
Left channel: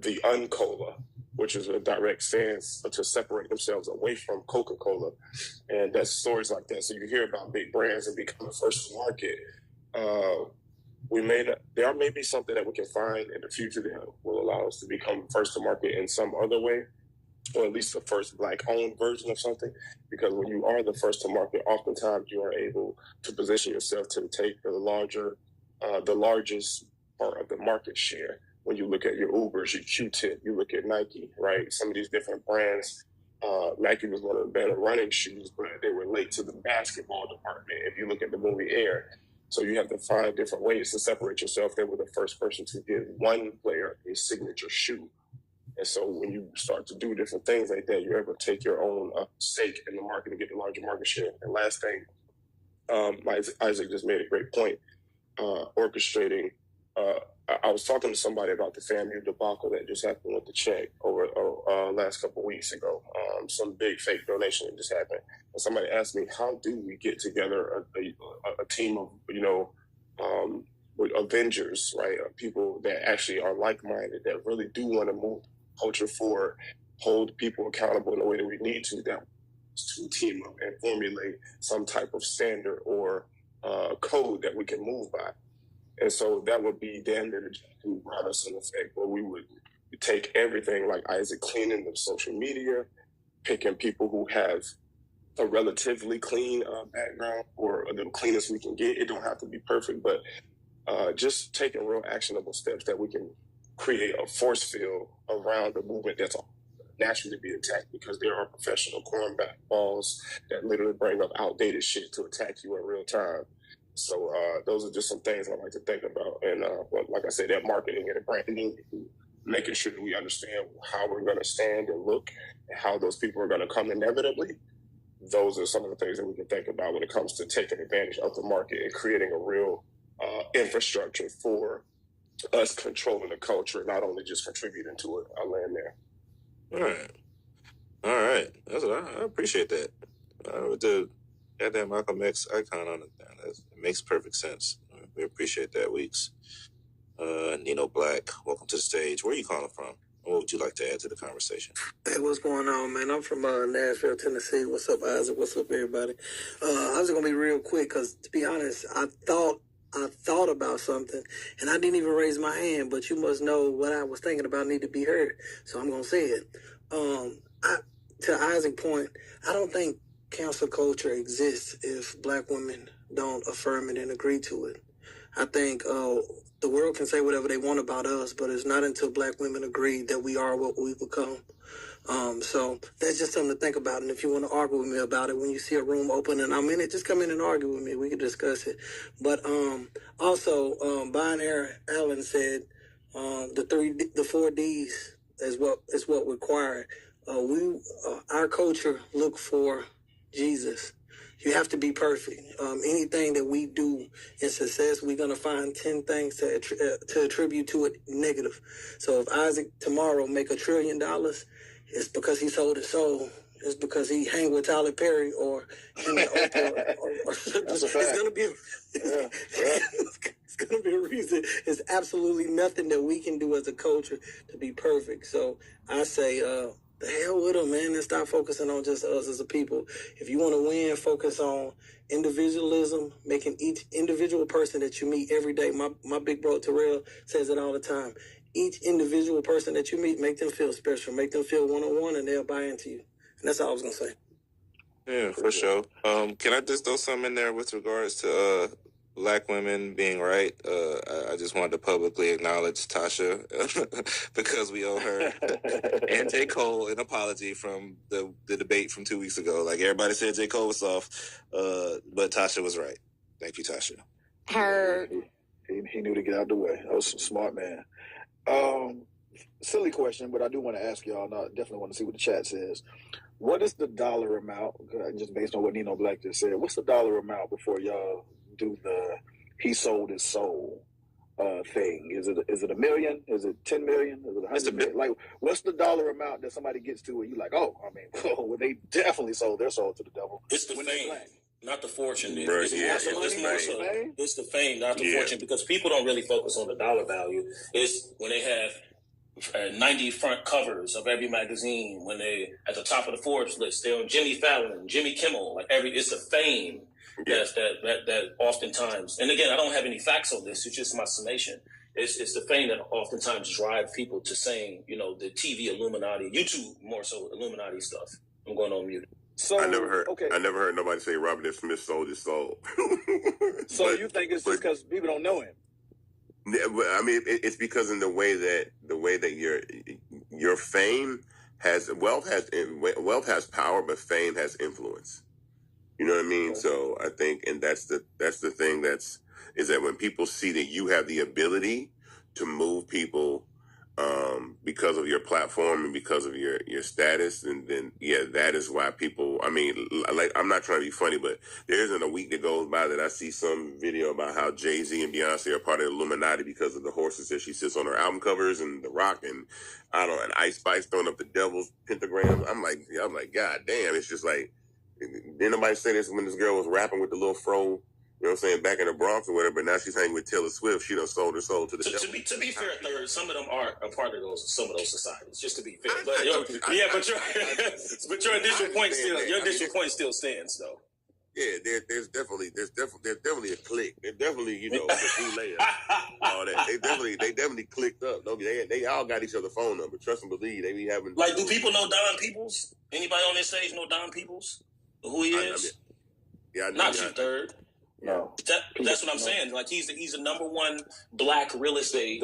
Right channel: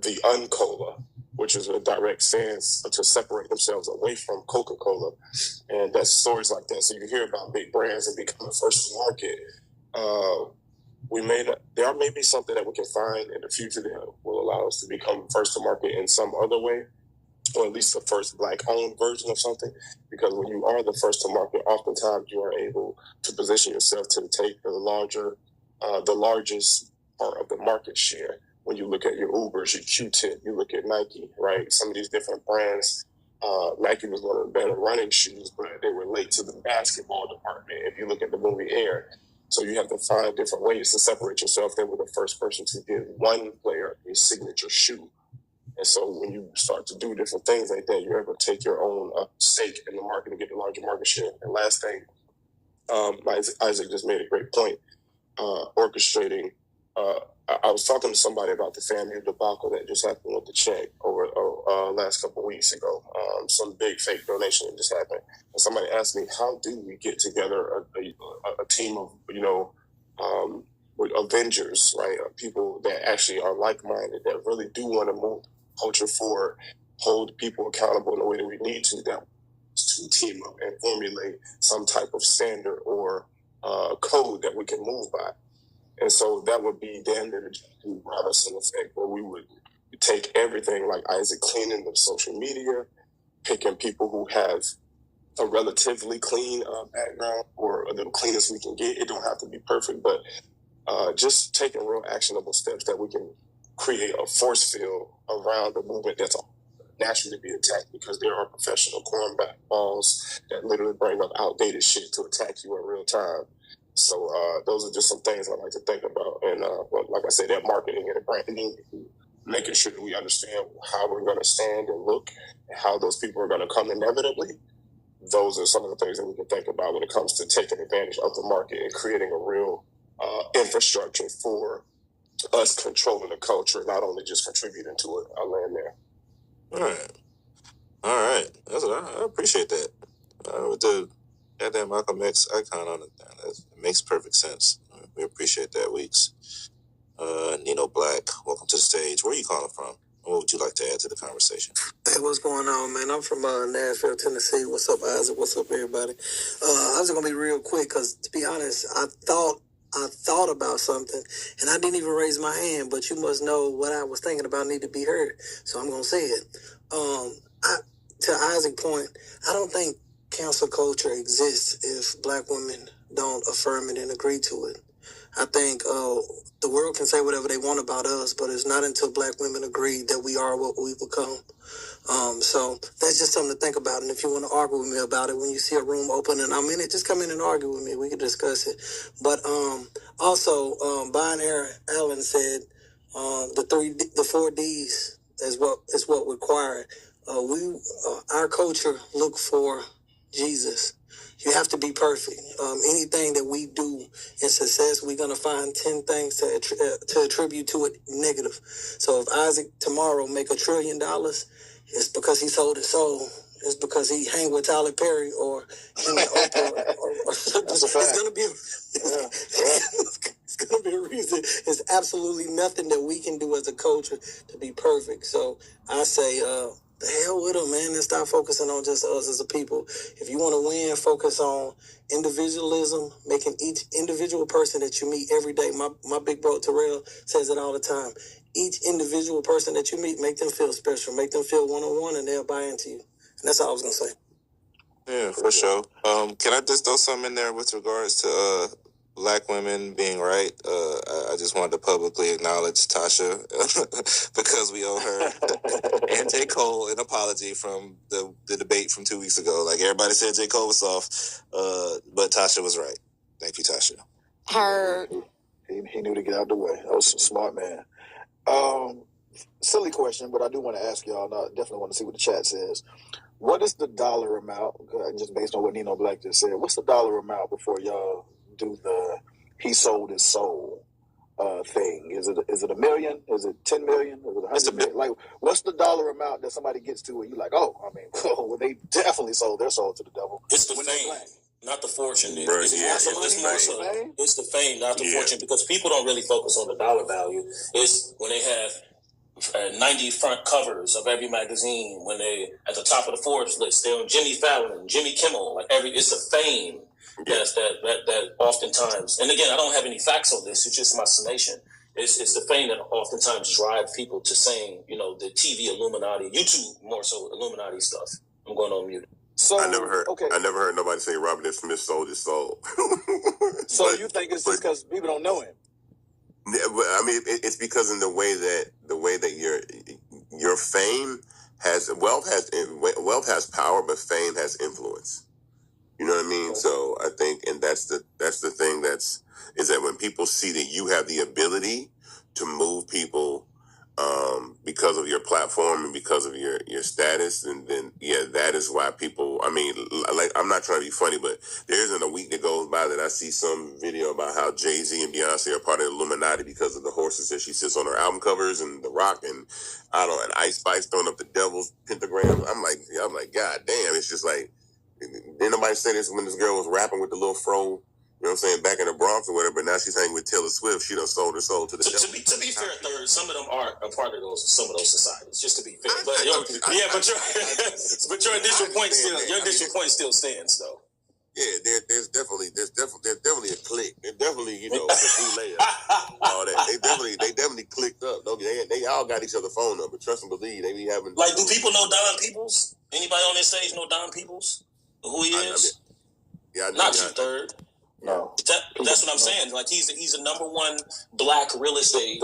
the Uncola, which is a direct stance to separate themselves away from Coca-Cola. And that's stories like that. So you hear about big brands that become first to market. There may be something that we can find in the future that will allow us to become first to market in some other way, or at least the first owned version of something. Because when you are the first to market, oftentimes you are able to position yourself to take the largest part of the market share. When you look at your Ubers, your Q-Tip, you look at Nike, right? Some of these different brands, Nike was one of the better running shoes, but they were late to the basketball department. If you look at the movie Air, so you have to find different ways to separate yourself. They were the first person to give one player a signature shoe. And so when you start to do different things like that, you're able to take your own stake in the market and get the larger market share. And last thing, Isaac just made a great point, orchestrating. I was talking to somebody about the FAMU debacle that just happened with the check over last couple of weeks ago. Some big fake donation that just happened. And somebody asked me, how do we get together a team of, with Avengers, right? People that actually are like-minded, that really do want to move culture forward, hold people accountable in the way that we need to team up and formulate some type of standard or code that we can move by. And so that would be damn near the Robinson effect, where we would take everything like Isaac, cleaning the social media, picking people who have a relatively clean background, or the cleanest we can get. It don't have to be perfect, but just taking real actionable steps that we can create a force field around the movement that's naturally be attacked, because there are professional cornballs that literally bring up outdated shit to attack you in real time. So those are just some things I like to think about. And like I said, that marketing and branding, making sure that we understand how we're going to stand and look, and how those people are going to come inevitably. Those are some of the things that we can think about when it comes to taking advantage of the market and creating a real infrastructure for us controlling the culture, not only just contributing to it. I'll land there. All right. I appreciate that. With the goddamn Malcolm X icon on it, it makes perfect sense. We appreciate that, Weeks. Nino Black, welcome to the stage. Where are you calling from? What would you like to add to the conversation? Hey, what's going on, man? I'm from Nashville, Tennessee. What's up, Isaac? What's up, everybody? I was going to be real quick because, to be honest, I thought about something, and I didn't even raise my hand, but you must know what I was thinking about need to be heard, so I'm going to say it. To Isaac's point, I don't think cancel culture exists if Black women don't affirm it and agree to it. I think the world can say whatever they want about us, but it's not until Black women agree that we are what we become. So that's just something to think about. And if you want to argue with me about it, when you see a room open and I'm in it, just come in and argue with me. We can discuss it. But also, Binary Allen said the 4 Ds is what required. Our culture look for Jesus. You have to be perfect. Anything that we do in success, we're gonna find 10 things to attribute to it negative. So if Isaac tomorrow make $1 trillion, it's because he sold his soul. It's because he hang with Tyler Perry or him and Oprah. That's a fact. It's gonna be. It's gonna be a reason. It's absolutely nothing that we can do as a culture to be perfect. So I say, the hell with them, man, and stop focusing on just us as a people. If you want to win, focus on individualism, making each individual person that you meet every day. My big bro Terrell says it all the time. Each individual person that you meet, make them feel special, make them feel one-on-one, and they'll buy into you. And that's all I was gonna say. Yeah, for sure. Can I just throw something in there with regards to Black women being right? I just wanted to publicly acknowledge Tasha because we owe her and J. Cole an apology from the debate from 2 weeks ago. Like, everybody said J. Cole was soft, but Tasha was right. Thank you, Tasha. He knew to get out of the way. That was a smart man. Silly question, but I do want to ask y'all. I definitely want to see what the chat says. What is the dollar amount, just based on what Nino Black just said, what's the dollar amount before y'all do the he sold his soul thing? Is it $1 million? Is it 10 million? Is it 100 million? Like, what's the dollar amount that somebody gets to where you're like, oh, I mean, well, they definitely sold their soul to the devil? It's the fame, not the fortune. It's the fame, not the fortune, because people don't really focus on the dollar value. It's when they have 90 front covers of every magazine, when they at the top of the Forbes list, they're on Jimmy Fallon, Jimmy Kimmel, it's the fame that oftentimes, and again, I don't have any facts on this, it's just my summation. It's the fame that oftentimes drive people to saying, the TV Illuminati, YouTube more so Illuminati stuff. I'm going on mute. So I never heard nobody say Robert F. Smith sold his soul. So you think it's just because people don't know him? I mean, it's because in the way that your fame has wealth has power, but fame has influence. You know what I mean? So I think, and that's the thing is that when people see that you have the ability to move people because of your platform and because of your status, and then that is why people. I mean, like, I'm not trying to be funny, but there isn't a week that goes by that I see some video about how Jay-Z and Beyonce are part of the Illuminati because of the horses that she sits on her album covers, and The Rock, and I don't know, and Ice Spice throwing up the devil's pentagram. I'm like, God damn! It's just like, didn't nobody say this when this girl was rapping with the little fro? You know what I'm saying, back in the Bronx or whatever, but now she's hanging with Taylor Swift. She done sold her soul to the devil. To be fair, Third, some of them are a part of some of those societies, just to be fair. But your initial point still stands, though. Yeah, there's definitely a clique. There's definitely, a few layers. All that. They definitely clicked up. They all got each other's phone number. Trust and believe. They be having. Like, do people know Don Peoples? Anybody on this stage know Don Peoples? Who he is? I know. Not you, Third. No. That's what I'm saying. Like, he's a number one Black real estate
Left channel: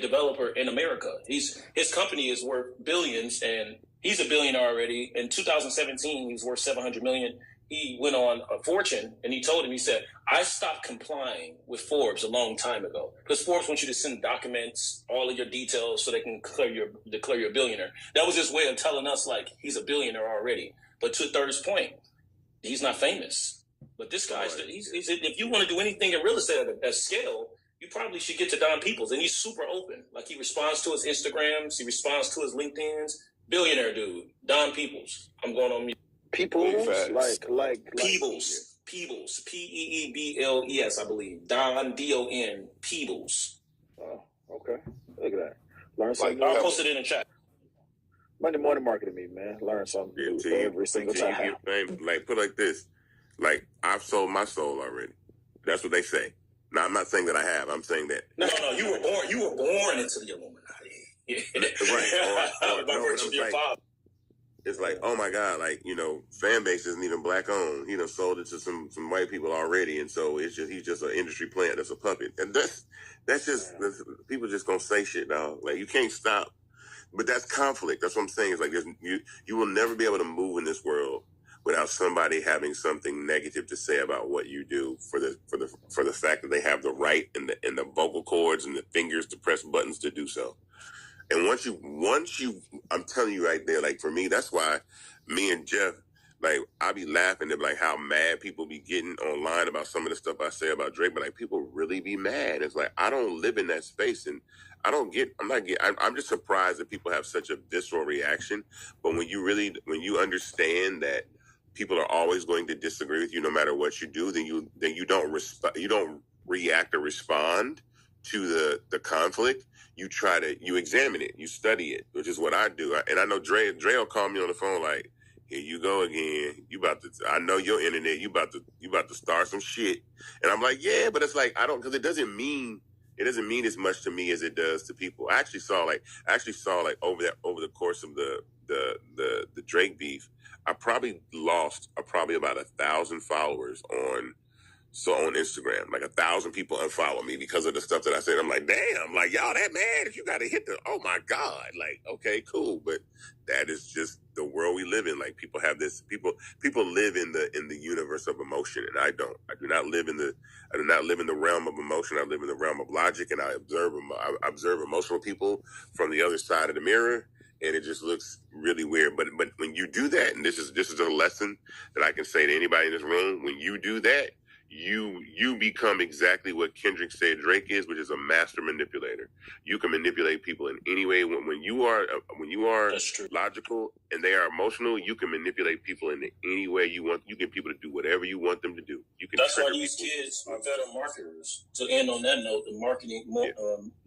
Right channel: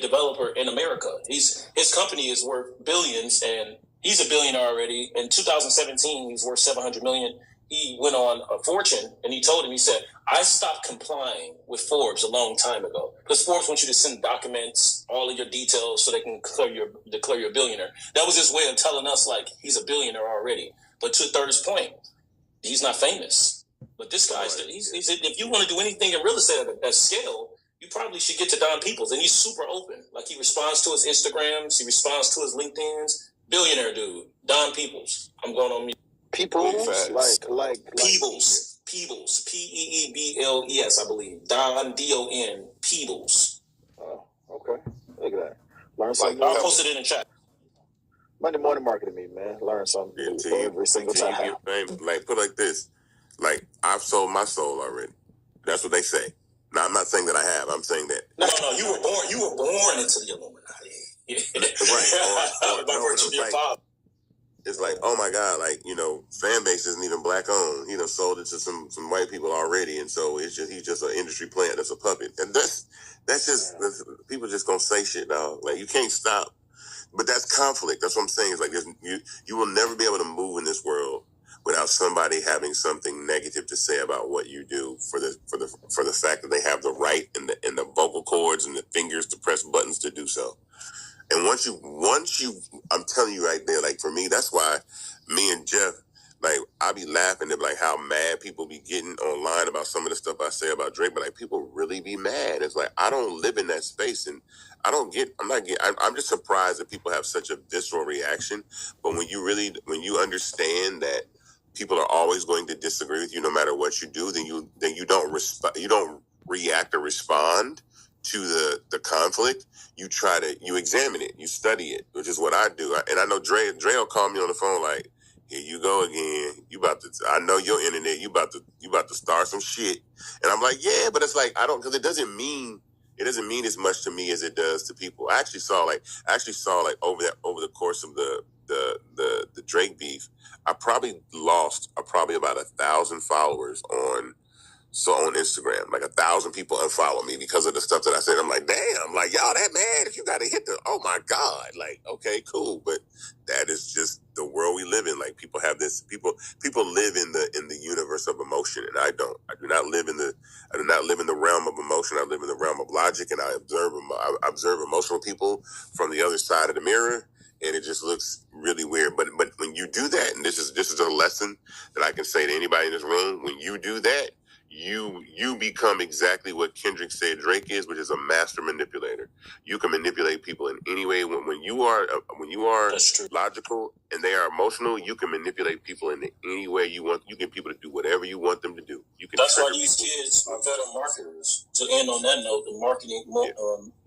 developer in America. His company is worth billions, and he's a billionaire already. In 2017, he's worth $700 million. He went on a Fortune, and he said, I stopped complying with Forbes a long time ago, because Forbes wants you to send documents, all of your details, so they can declare you a billionaire. That was his way of telling us, like, he's a billionaire already. But to Third's point, he's not famous. But this guy, if you want to do anything in real estate at scale, you probably should get to Don Peoples. And he's super open. Like, he responds to his Instagrams, he responds to his LinkedIns. Billionaire dude, Don Peoples. I'm going on mute. Peoples? Like Peebles. Peebles. Peebles, I believe. Don, D-O-N, Peebles. Oh, okay. Look at that. Learn something. I'll post it in the chat. Monday morning marketing me, man. Learn something every single time. Like, put it like this. Like, I've sold my soul already. That's what they say. Now, I'm not saying that I have. I'm saying that. No. You were born into the Illuminati. Right. By virtue of your father. it's like, oh my God, like, fan base isn't even black owned. He done sold it to some white people already, and so he's just an industry plant that's a puppet, and that's just people just gonna say shit, dog. Like, you can't stop, but that's conflict. That's what I'm saying. It's like you will never be able to move in this world without somebody having something negative to say about what you do for the fact that they have the right and the vocal cords and the fingers to press buttons to do so. And once you, I'm telling you right there, like, for me, that's why me and Jeff, like, I be laughing at like how mad people be getting online about some of the stuff I say about Drake, but like, people really be mad. It's like, I don't live in that space, and I'm just surprised that people have such a visceral reaction. But when you understand that people are always going to disagree with you no matter what you do, then you don't react or respond to the conflict. You examine it, you study it, which is what I do. And I know Dre will call me on the phone like, here you go again. I know your internet, you about to start some shit. And I'm like, yeah, but it's like, because it doesn't mean as much to me as it does to people. I actually saw over the course of the Drake beef, I probably lost about 1,000 followers on Instagram. Like 1,000 people unfollow me because of the stuff that I said. I'm like, damn, like, y'all that mad if you gotta hit oh my God. Like, okay, cool. But that is just the world we live in. Like, people have this, people live in the universe of emotion, and I don't. I do not live in the realm of emotion. I live in the realm of logic, and I observe emotional people from the other side of the mirror, and it just looks really weird. But when you do that, and this is a lesson that I can say to anybody in this room, when you do that, you become exactly what Kendrick said Drake is, which is a master manipulator. You can manipulate people in any way. When you are logical and they are emotional, you can manipulate people in any way you want. You get people to do whatever you want them to do. That's why these kids are better marketers. To end on that note, the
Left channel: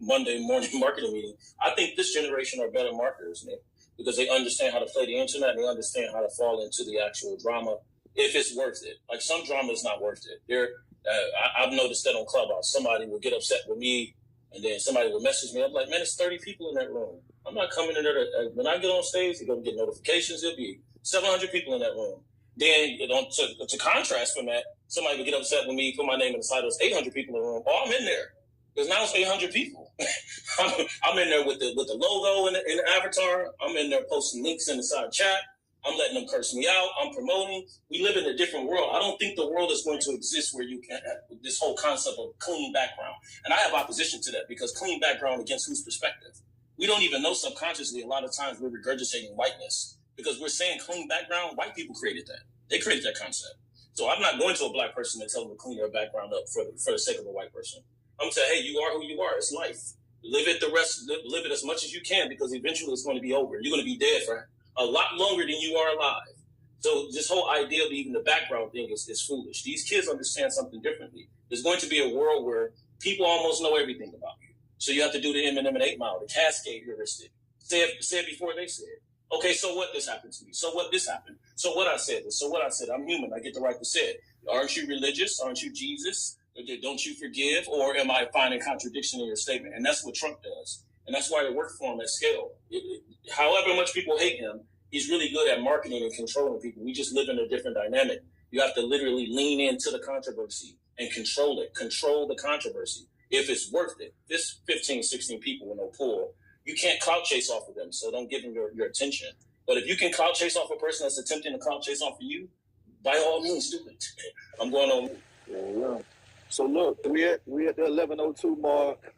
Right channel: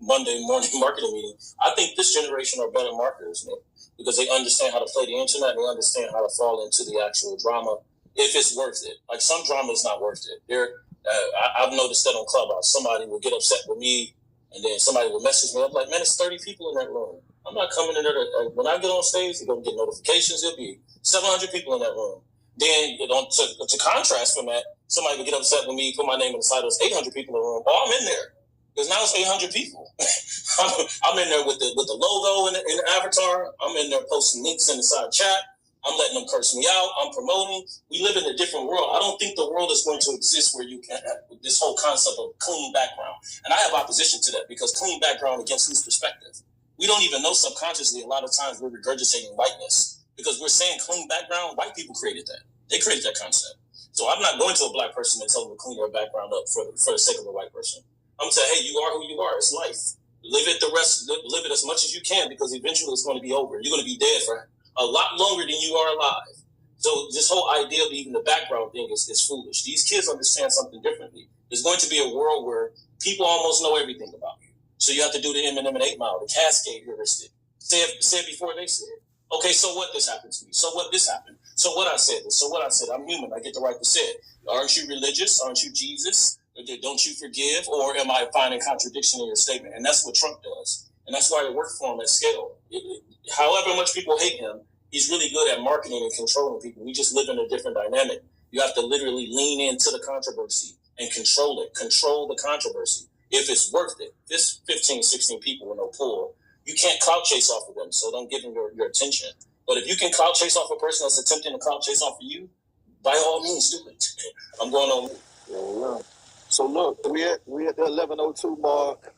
Monday morning marketing meeting, I think this generation are better marketers, man, because they understand how to play the internet and they understand how to fall into the actual drama if it's worth it. Like, some drama is not worth it. I've noticed that on Clubhouse. Somebody will get upset with me, and then somebody will message me. I'm like, man, it's 30 people in that room. I'm not coming in there when I get on stage, you're going to get notifications. There'll be 700 people in that room. Then, to contrast from that, somebody will get upset with me, put my name in the side, there's 800 people in the room. Oh, I'm in there. Because now it's 800 people. I'm in there with the logo in the avatar. I'm in there posting links in the side chat. I'm letting them curse me out. I'm promoting. We live in a different world. I don't think the world is going to exist where you can have this whole concept of clean background. And I have opposition to that, because clean background against whose perspective? We don't even know subconsciously. A lot of times we're regurgitating whiteness because we're saying clean background. White people created that. They created that concept. So I'm not going to a black person and tell them to clean their background up for the sake of a white person. I'm saying, hey, you are who you are. It's life. Live it as much as you can, because eventually it's going to be over. You're going to be dead for a lot longer than you are alive. So this whole idea of even the background thing is foolish. These kids understand something differently. There's going to be a world where people almost know everything about you. So you have to do the Eminem and 8 Mile, the Cascade heuristic. Say it before they say it. Okay, so what? This happened to me. So what? This happened. So what? I said this. So what? I said, I'm human. I get the right to say it. Aren't you religious? Aren't you Jesus? Don't you forgive? Or am I finding contradiction in your statement? And that's what Trump does. And that's why it worked for him at scale. However much people hate him, he's really good at marketing and controlling people. We just live in a different dynamic. You have to literally lean into the controversy and control it. Control the controversy. If it's worth it, this 15, 16 people with no pull, you can't clout chase off of them, so don't give them your attention. But if you can clout chase off a person that's attempting to clout chase off of you, by all means, do it. I'm going on. Yeah. So look, we at the 11:02 mark.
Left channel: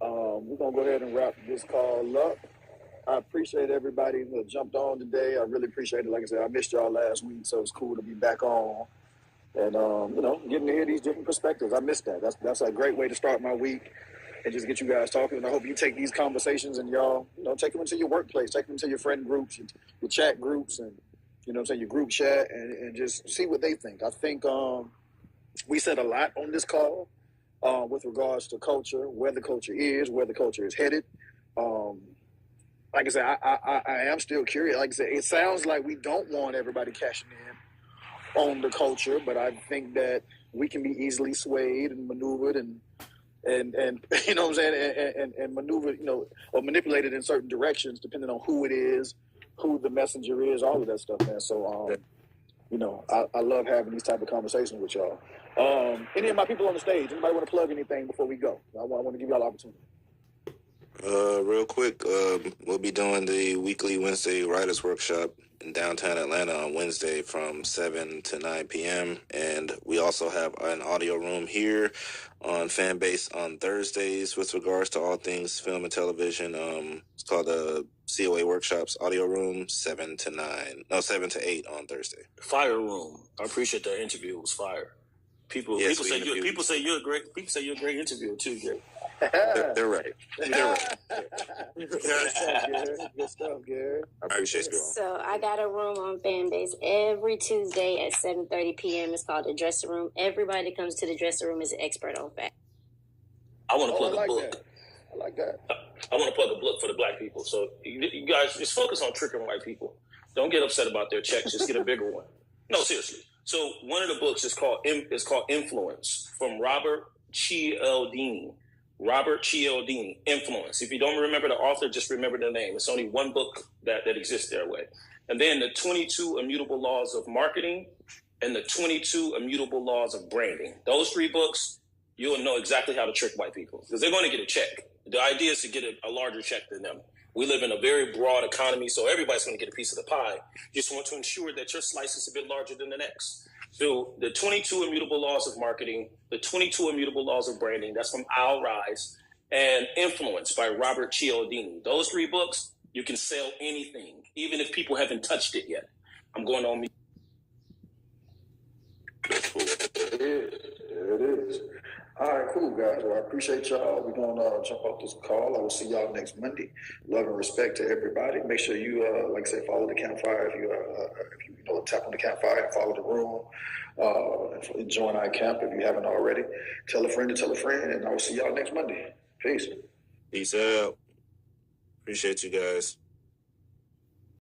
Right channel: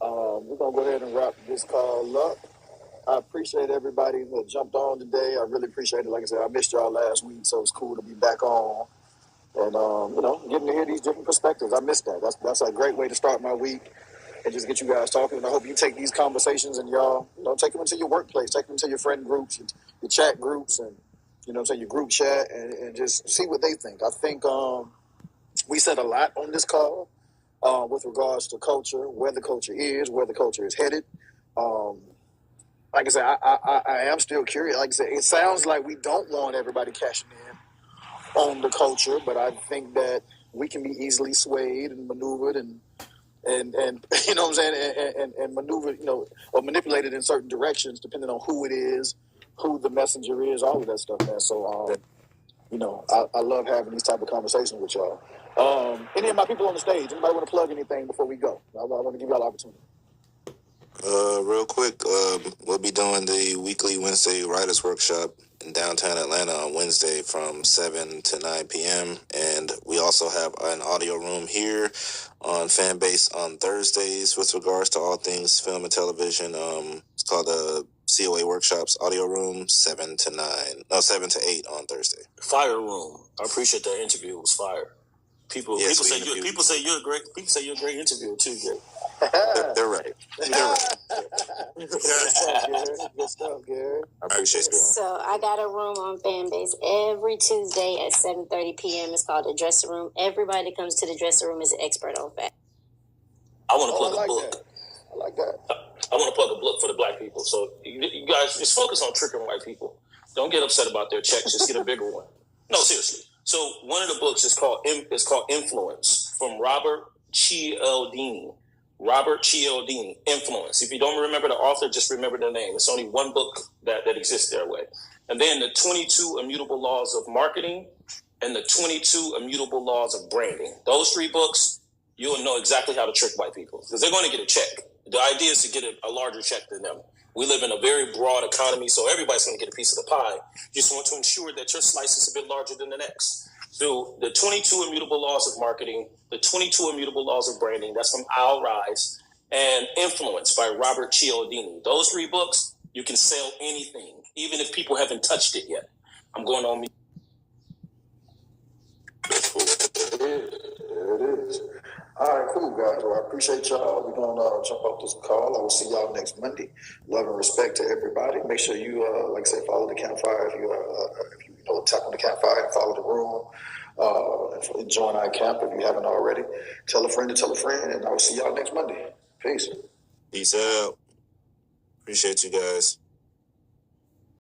We're gonna go ahead and wrap this call up. I appreciate everybody that jumped on today. I really appreciate it. Like I said, I missed y'all last week, so it's cool to be back on and getting to hear these different perspectives. I missed that. That's a great way to start my week and just get you guys talking. And I hope you take these conversations and y'all take them into your workplace, take them into your friend groups, your chat groups, and your group chat, and just see what they think. I think we said a lot on this call with regards to culture, where the culture is headed. Like I said, I am still curious. Like I said, it sounds like we don't want everybody cashing in on the culture, but I think that we can be easily swayed and maneuvered and you know what I'm saying, and maneuvered, or manipulated in certain directions depending on who it is, who the messenger is, all of that stuff, man. So, I love having these type of conversations with y'all. Any of my people on the stage, anybody want to plug anything before we go? I want to give y'all an opportunity. Real quick, we'll be doing the weekly Wednesday Writers Workshop in downtown Atlanta on Wednesday from 7 to 9 p.m. And we also have an audio room here on Fanbase on Thursdays with regards to all things film and television. It's called the COA Workshops Audio Room, 7 to 8 on Thursday. Fire room. I appreciate that interview. It was fire. People say you're a great interviewer too, Gary. They're right. Good stuff, Gary. I appreciate you. So I got a room on Fanbase every Tuesday at 7:30 p.m. It's called the Dressing Room. Everybody that comes to the Dressing Room is an expert on fact. I want to plug a book. That. I like that. I want to plug a book for the black people. So you guys just focus on tricking white people. Don't get upset about their checks. Just get a bigger one. No, seriously. So one of the books is called Influence from Robert Cialdini. Robert Cialdini, Influence. If you don't remember the author, just remember the name. It's only one book that exists that way. And then the 22 Immutable Laws of Marketing and the 22 Immutable Laws of Branding. Those 3 books, you'll know exactly how to trick white people because they're going to get a check. The idea is to get a larger check than them. We live in a very broad economy, so everybody's going to get a piece of the pie. You just want to ensure that your slice is a bit larger than the next. So the 22 Immutable Laws of Marketing, the 22 Immutable Laws of Branding, that's from Al Rise, and Influence by Robert Cialdini. Those 3 books, you can sell anything, even if people haven't touched it yet. I'm going on mute. It is. All right, cool, guys. Well, I appreciate y'all. We're going to jump off this call. I will see y'all next Monday. Love and respect to everybody. Make sure you, like I say, follow the campfire. If you tap on the campfire and follow the room. And join our camp if you haven't already. Tell a friend to tell a friend, and I will see y'all next Monday. Peace. Peace out. Appreciate you guys.